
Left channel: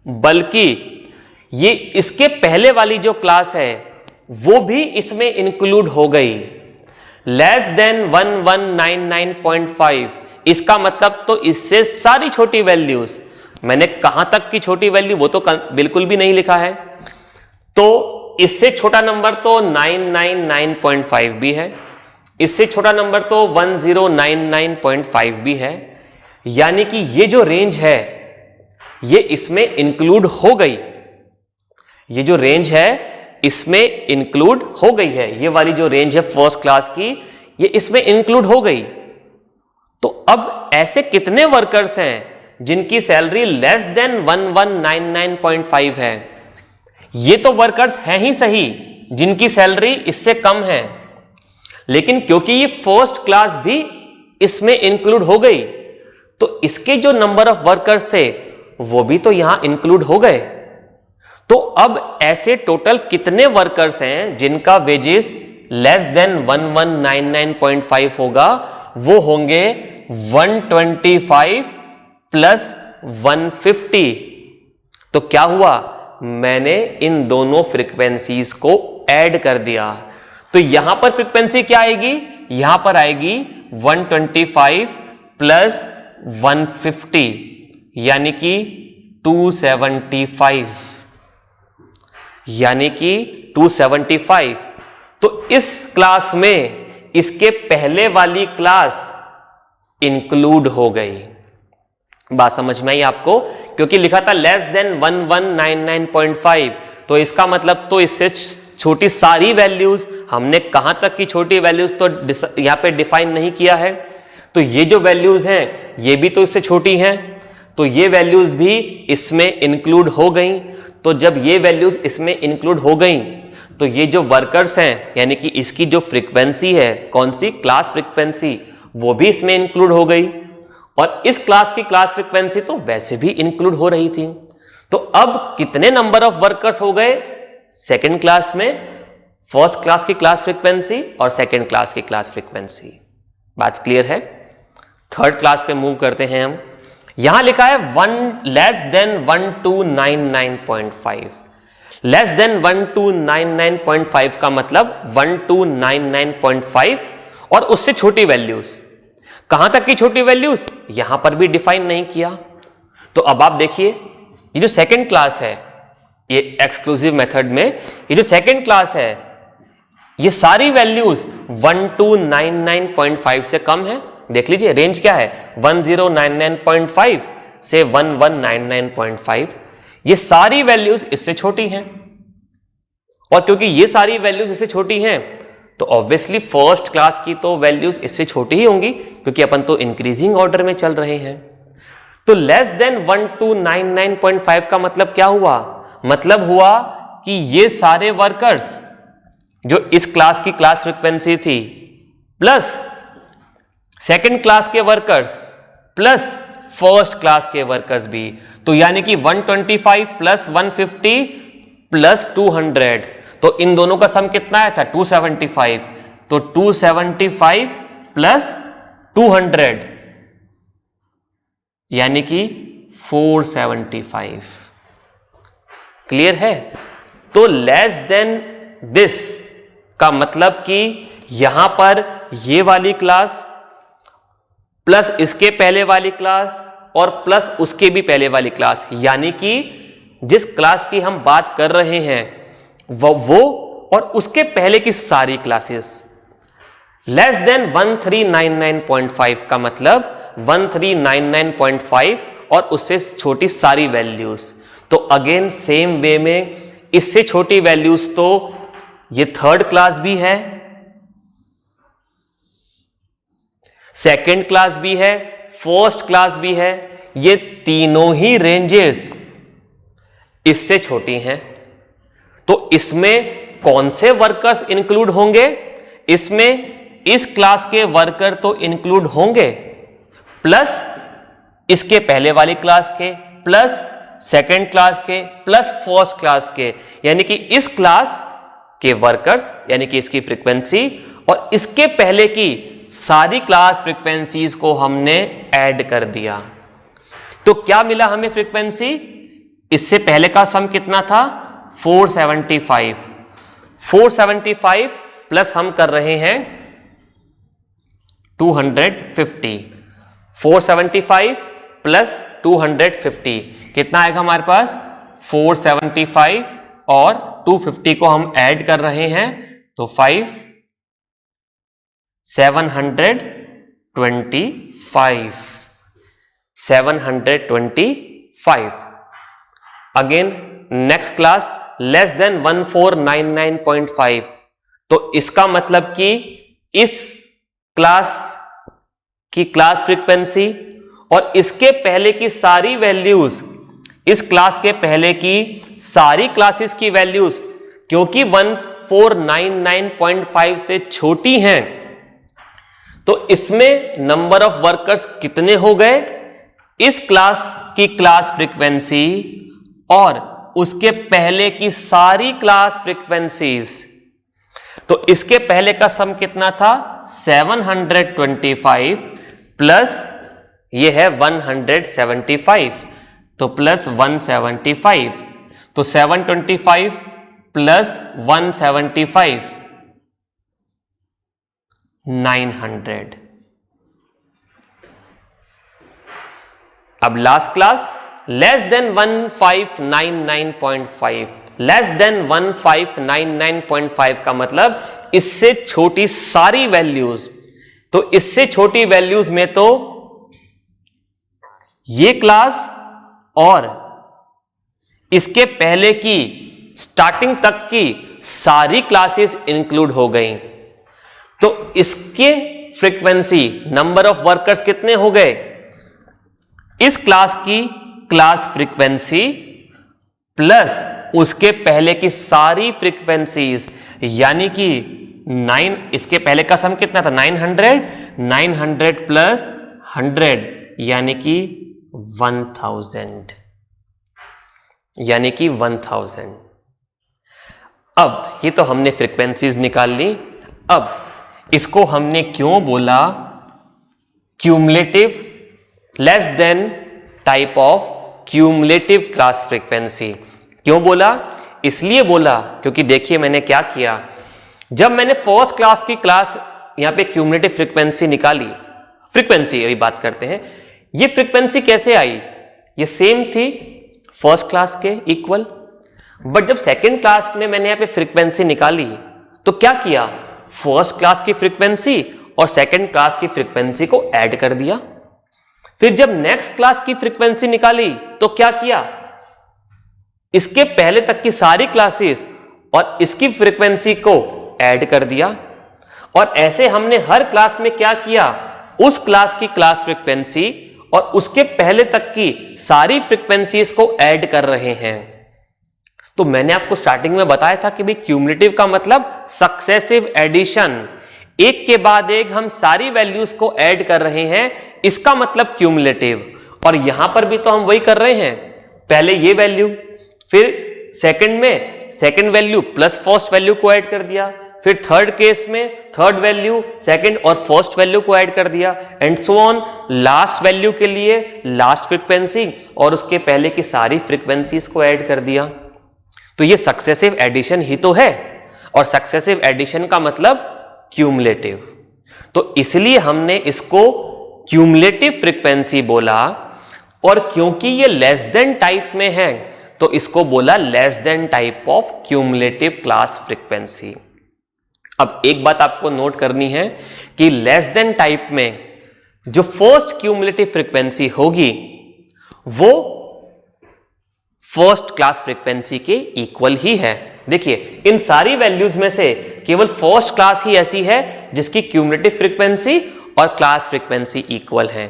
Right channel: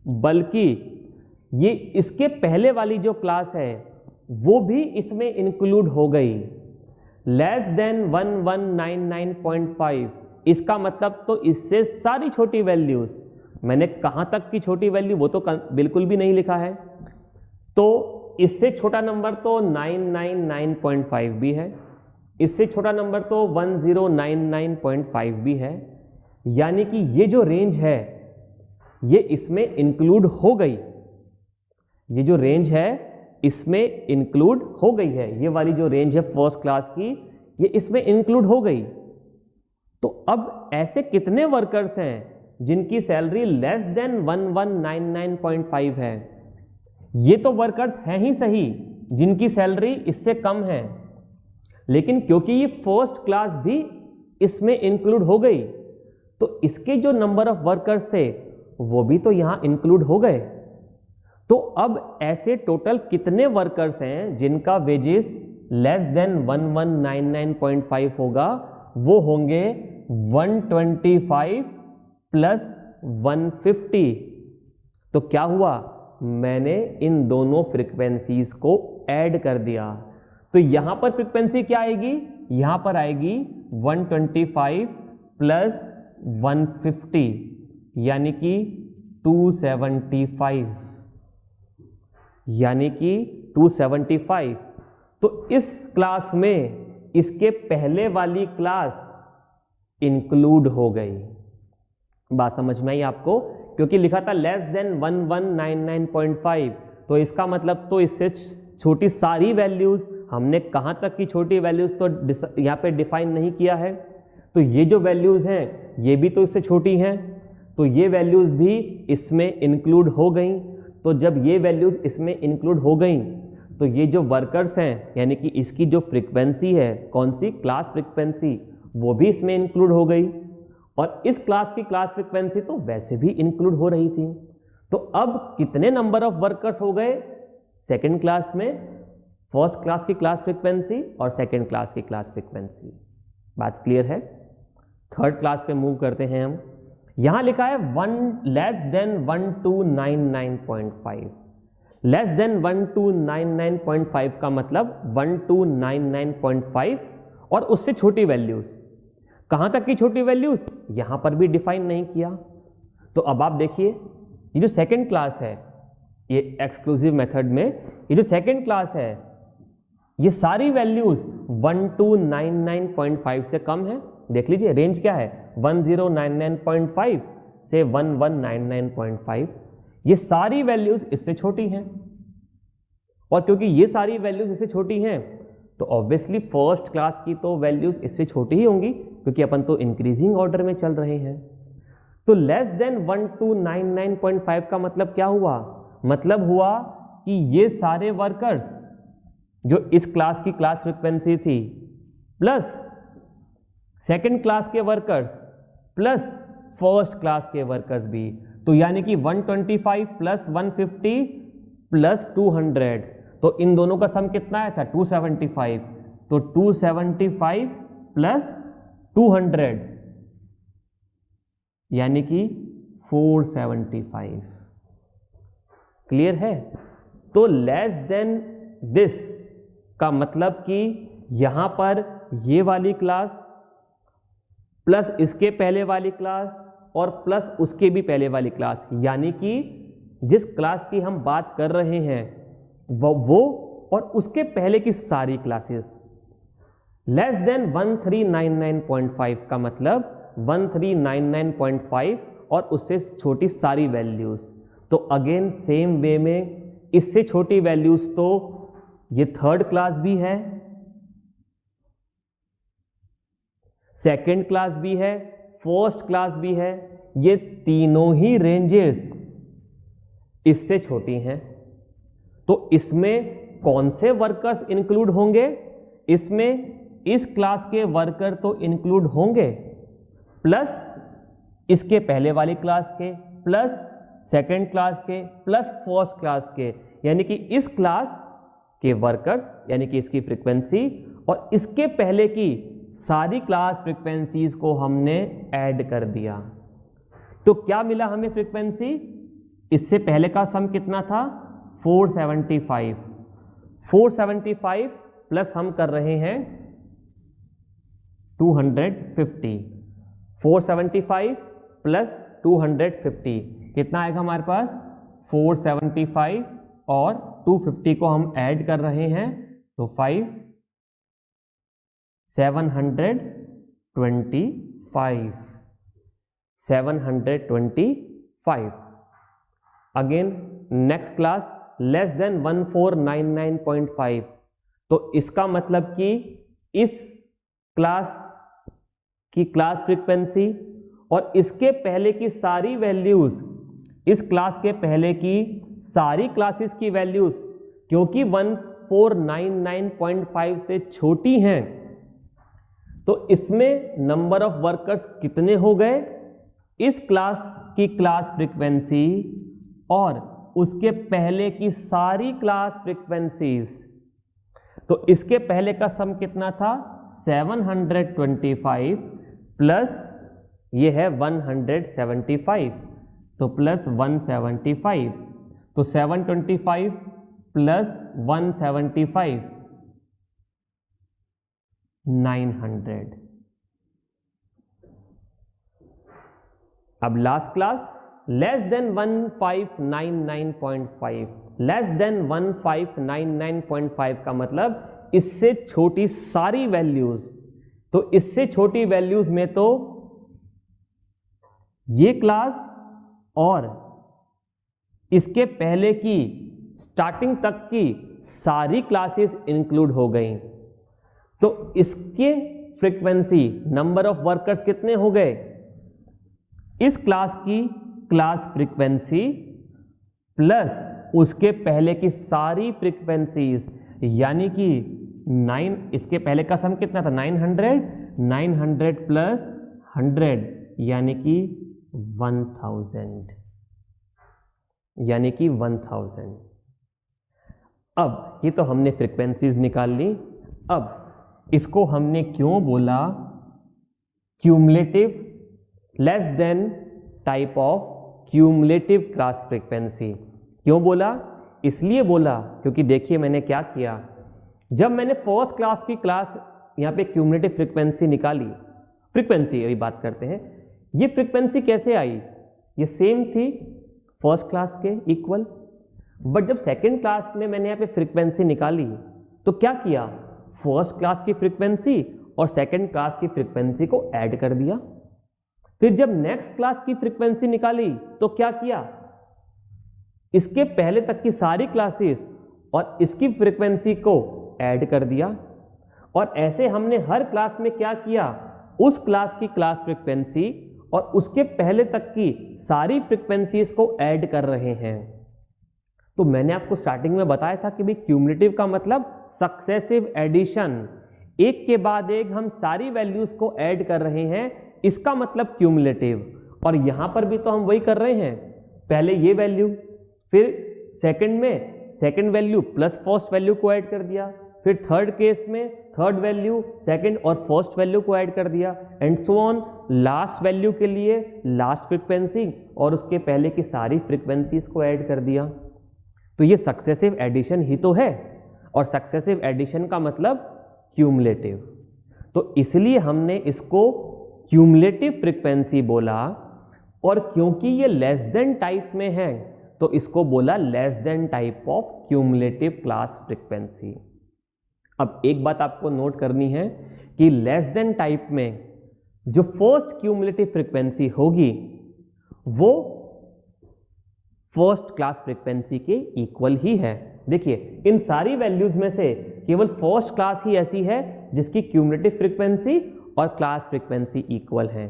बल्कि ये इसके पहले वाली जो क्लास है वो भी इसमें इंक्लूड हो गई। लेस देन 1199.5 इसका मतलब तो इससे सारी छोटी वैल्यूज, मैंने कहां तक की छोटी वैल्यू वो तो बिल्कुल भी नहीं लिखा है, तो इससे छोटा नंबर तो 999.5 भी है, इससे छोटा नंबर तो 1099.5 भी है। यानी कि ये जो रेंज है ये इसमें इंक्लूड हो गई, ये जो रेंज है इसमें इंक्लूड हो गई है। ये वाली जो रेंज है फर्स्ट क्लास की, ये इसमें इंक्लूड हो गई। तो अब ऐसे कितने वर्कर्स हैं जिनकी सैलरी लेस देन 1199.5 है। ये तो वर्कर्स हैं ही सही जिनकी सैलरी इससे कम है, लेकिन क्योंकि ये फर्स्ट क्लास भी इसमें इंक्लूड हो गई, तो इसके जो नंबर ऑफ वर्कर्स थे वो भी तो यहां इंक्लूड हो गए। तो अब ऐसे टोटल कितने वर्कर्स हैं जिनका वेजेस लेस देन 1199.5 होगा, वो होंगे 125 प्लस 150। तो क्या हुआ, मैंने इन दोनों फ्रीक्वेंसीज को ऐड कर दिया। तो यहां पर फ्रीक्वेंसी क्या आएगी, यहां पर आएगी 125 प्लस 150 यानी कि 275, यानी कि 275। तो इस क्लास में इसके पहले वाली क्लास इंक्लूड हो गई। बात समझ में आई आपको, क्योंकि लिखा था लेस देन 1199.5, तो इसका मतलब तो इससे छोटी सारी वैल्यूज, हमने कहां तक की छोटी वैल्यूज तो यहां पे डिफाइन नहीं किया है। तो ये जो वैल्यूज हैं ये भी तो इससे छोटी हैं, तो ये वैल्यूज भी इसमें इंक्लूड हो गई। तो जब ये वैल्यूज इसमें इंक्लूड हो गई तो ये जो वर्कर्स हैं, यानी कि इसकी जो फ्रीक्वेंसी है, कौन सी क्लास फ्रीक्वेंसी, वो भी इसमें इंक्लूड हो गई। और इस क्लास की क्लास फ्रीक्वेंसी तो वैसे भी इंक्लूड हो रही थी। तो अब कितने नंबर ऑफ वर्कर्स हो गए सेकेंड क्लास में, फर्स्ट क्लास की क्लास फ्रीक्वेंसी और सेकेंड क्लास की क्लास फ्रीक्वेंसी। बात क्लियर है। थर्ड क्लास पे मूव करते हैं हम। यहां लिखा है लेस देन 1299.5। लेस देन 1299.5 का मतलब 1299.5 और उससे छोटी वैल्यूज। कहां तक की छोटी वैल्यूज, यहां पर भी डिफाइन नहीं किया। तो अब आप देखिए, ये जो सेकंड क्लास है, ये एक्सक्लूसिव मेथड में ये जो सेकंड क्लास है, ये सारी वैल्यूज 1299.5 से कम है। देख लीजिए रेंज क्या है, 1099.5 से 1199.5। ये सारी वैल्यूज इससे छोटी हैं, और क्योंकि ये सारी वैल्यूज इससे छोटी हैं तो ऑब्वियसली फर्स्ट क्लास की तो वैल्यूज इससे छोटी ही होंगी, क्योंकि अपन तो इंक्रीजिंग ऑर्डर में चल रहे हैं। तो लेस देन 1299.5 का मतलब क्या हुआ, मतलब हुआ कि ये सारे वर्कर्स जो इस क्लास की क्लास फ्रीक्वेंसी थी, प्लस सेकंड क्लास के वर्कर्स, प्लस फर्स्ट क्लास के वर्कर्स भी, तो यानी कि 125 प्लस 150 प्लस 200, तो इन दोनों का सम कितना आया था 275। तो 275 प्लस 200 यानी कि 475। क्लियर है। तो लेस देन दिस का मतलब कि यहां पर ये वाली क्लास प्लस इसके पहले वाली क्लास और प्लस उसके भी पहले वाली क्लास, यानी कि जिस क्लास की हम बात कर रहे हैं वो और उसके पहले की सारी क्लासेस। लेस देन 1399.5 का मतलब 1399.5 और उससे छोटी सारी वैल्यूज। तो अगेन सेम वे में इससे छोटी वैल्यूज तो ये थर्ड क्लास भी है, सेकेंड क्लास भी है, फर्स्ट क्लास भी है, ये तीनों ही रेंजेस इससे छोटी हैं। तो इसमें कौन से वर्कर्स इंक्लूड होंगे? इसमें इस क्लास के वर्कर तो इंक्लूड होंगे, प्लस इसके पहले वाली क्लास के, प्लस सेकेंड क्लास के, प्लस फर्स्ट क्लास के, यानी कि इस क्लास के वर्कर्स यानी कि इसकी फ्रीक्वेंसी और इसके पहले की सारी क्लास फ्रीक्वेंसीज को हमने ऐड कर दिया। तो क्या मिला हमें फ्रीक्वेंसी? इससे पहले का सम कितना था? 475। 475 प्लस हम कर रहे हैं 250। 475 प्लस 250 कितना आएगा हमारे पास? 475 और 250 को हम ऐड कर रहे हैं तो 725। Again next class less than 1499.5। तो इसका मतलब कि इस क्लास की क्लास फ्रीक्वेंसी और इसके पहले की सारी वैल्यूज, इस क्लास के पहले की सारी क्लासेस की वैल्यूज क्योंकि 1499.5 से छोटी हैं, तो इसमें नंबर ऑफ वर्कर्स कितने हो गए? इस क्लास की क्लास फ्रीक्वेंसी और उसके पहले की सारी क्लास फ्रीक्वेंसीज। तो इसके पहले का सम कितना था? 725 प्लस ये है 175, तो प्लस 175, तो 725 प्लस 175 900। अब last class less than 1599.5। Less than 1599.5 का मतलब इससे छोटी सारी वैल्यूज। तो इससे छोटी वैल्यूज में तो ये क्लास और इसके पहले की स्टार्टिंग तक की सारी क्लासेस इंक्लूड हो गई। तो इसके फ्रीक्वेंसी नंबर ऑफ वर्कर्स कितने हो गए? इस क्लास की क्लास फ्रीक्वेंसी प्लस उसके पहले की सारी फ्रीक्वेंसीज, यानी कि 9, इसके पहले का सम कितना था? 900 प्लस 100 यानी कि 1000, यानी कि 1000। अब ये तो हमने फ्रीक्वेंसीज निकाल ली। अब इसको हमने क्यों बोला cumulative less than type of cumulative class frequency? क्यों बोला? इसलिए बोला क्योंकि देखिए मैंने क्या किया, जब मैंने फर्स्ट क्लास की क्लास यहां पे क्यूमुलेटिव फ्रीक्वेंसी निकाली, फ्रीक्वेंसी अभी बात करते हैं, ये फ्रीक्वेंसी कैसे आई? ये सेम थी फर्स्ट क्लास के इक्वल, बट जब सेकेंड क्लास में मैंने यहां पे फ्रीक्वेंसी निकाली तो क्या किया? फर्स्ट क्लास की फ्रीक्वेंसी और सेकेंड क्लास की फ्रीक्वेंसी को ऐड कर दिया। फिर जब नेक्स्ट क्लास की फ्रीक्वेंसी निकाली तो क्या किया? इसके पहले तक की सारी क्लासेस और इसकी फ्रीक्वेंसी को ऐड कर दिया। और ऐसे हमने हर क्लास में क्या किया? उस क्लास की क्लास फ्रीक्वेंसी और उसके पहले तक की सारी फ्रीक्वेंसीज को ऐड कर रहे हैं। तो मैंने आपको स्टार्टिंग में बताया था कि भाई क्यूमुलेटिव का मतलब सक्सेसिव एडिशन, एक के बाद एक हम सारी वैल्यूज को ऐड कर रहे हैं, इसका मतलब क्यूमुलेटिव। और यहां पर भी तो हम वही कर रहे हैं, पहले ये वैल्यू, फिर सेकंड में second value plus first value को ऐड कर दिया, फिर थर्ड केस में थर्ड वैल्यू सेकंड और फर्स्ट वैल्यू को ऐड कर दिया, and so on. Last value के लिए लास्ट फ्रीक्वेंसी और उसके पहले की सारी फ्रीक्वेंसीज को ऐड कर दिया। तो ये सक्सेसिव एडिशन ही तो है, और सक्सेसिव एडिशन का मतलब क्यूमुलेटिव। तो इसलिए हमने इसको क्यूमुलेटिव फ्रीक्वेंसी बोला। और क्योंकि ये लेस देन टाइप में है तो इसको बोला less than type of cumulative class frequency. अब एक बात आपको नोट करनी है कि लेस देन टाइप में जो फर्स्ट क्यूमुलेटिव फ्रीक्वेंसी होगी वो फर्स्ट क्लास फ्रीक्वेंसी के इक्वल ही है। देखिए इन सारी वैल्यूज में से केवल फर्स्ट क्लास ही ऐसी है जिसकी क्यूमुलेटिव फ्रीक्वेंसी और क्लास फ्रीक्वेंसी इक्वल है।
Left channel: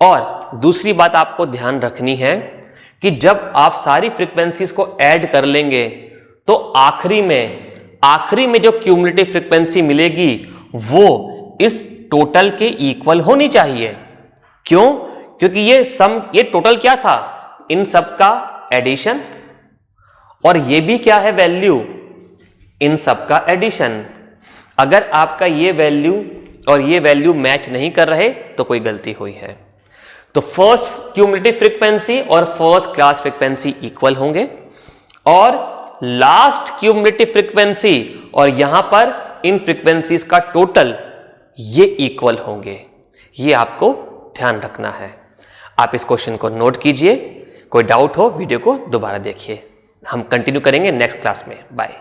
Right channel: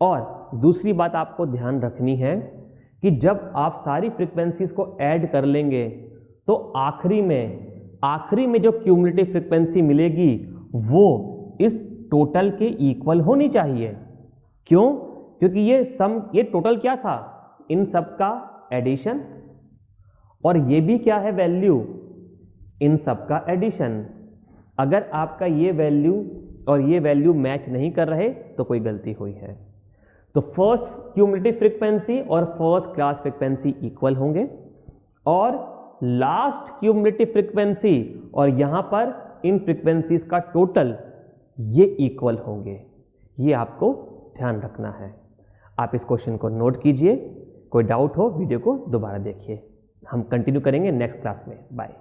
और दूसरी बात आपको ध्यान रखनी है कि जब आप सारी फ्रीक्वेंसीज को ऐड कर लेंगे तो आखिरी में जो क्यूमुलेटिव फ्रीक्वेंसी मिलेगी वो इस टोटल के इक्वल होनी चाहिए। क्यों? क्योंकि ये टोटल क्या था? इन सब का एडिशन, और ये भी क्या है? वैल्यू, इन सब का एडिशन। अगर आपका ये वैल्यू और ये वैल्यू मैच नहीं कर रहे तो कोई गलती हुई है। तो फर्स्ट क्यूमुलेटिव फ्रीक्वेंसी और फर्स्ट क्लास फ्रीक्वेंसी इक्वल होंगे, और लास्ट क्यूमुलेटिव फ्रीक्वेंसी और यहां पर इन फ्रीक्वेंसीज का टोटल ये इक्वल होंगे। ये आपको ध्यान रखना है। आप इस क्वेश्चन को नोट कीजिए। कोई डाउट हो वीडियो को दोबारा देखिए। हम कंटिन्यू करेंगे नेक्स्ट क्लास में। बाय।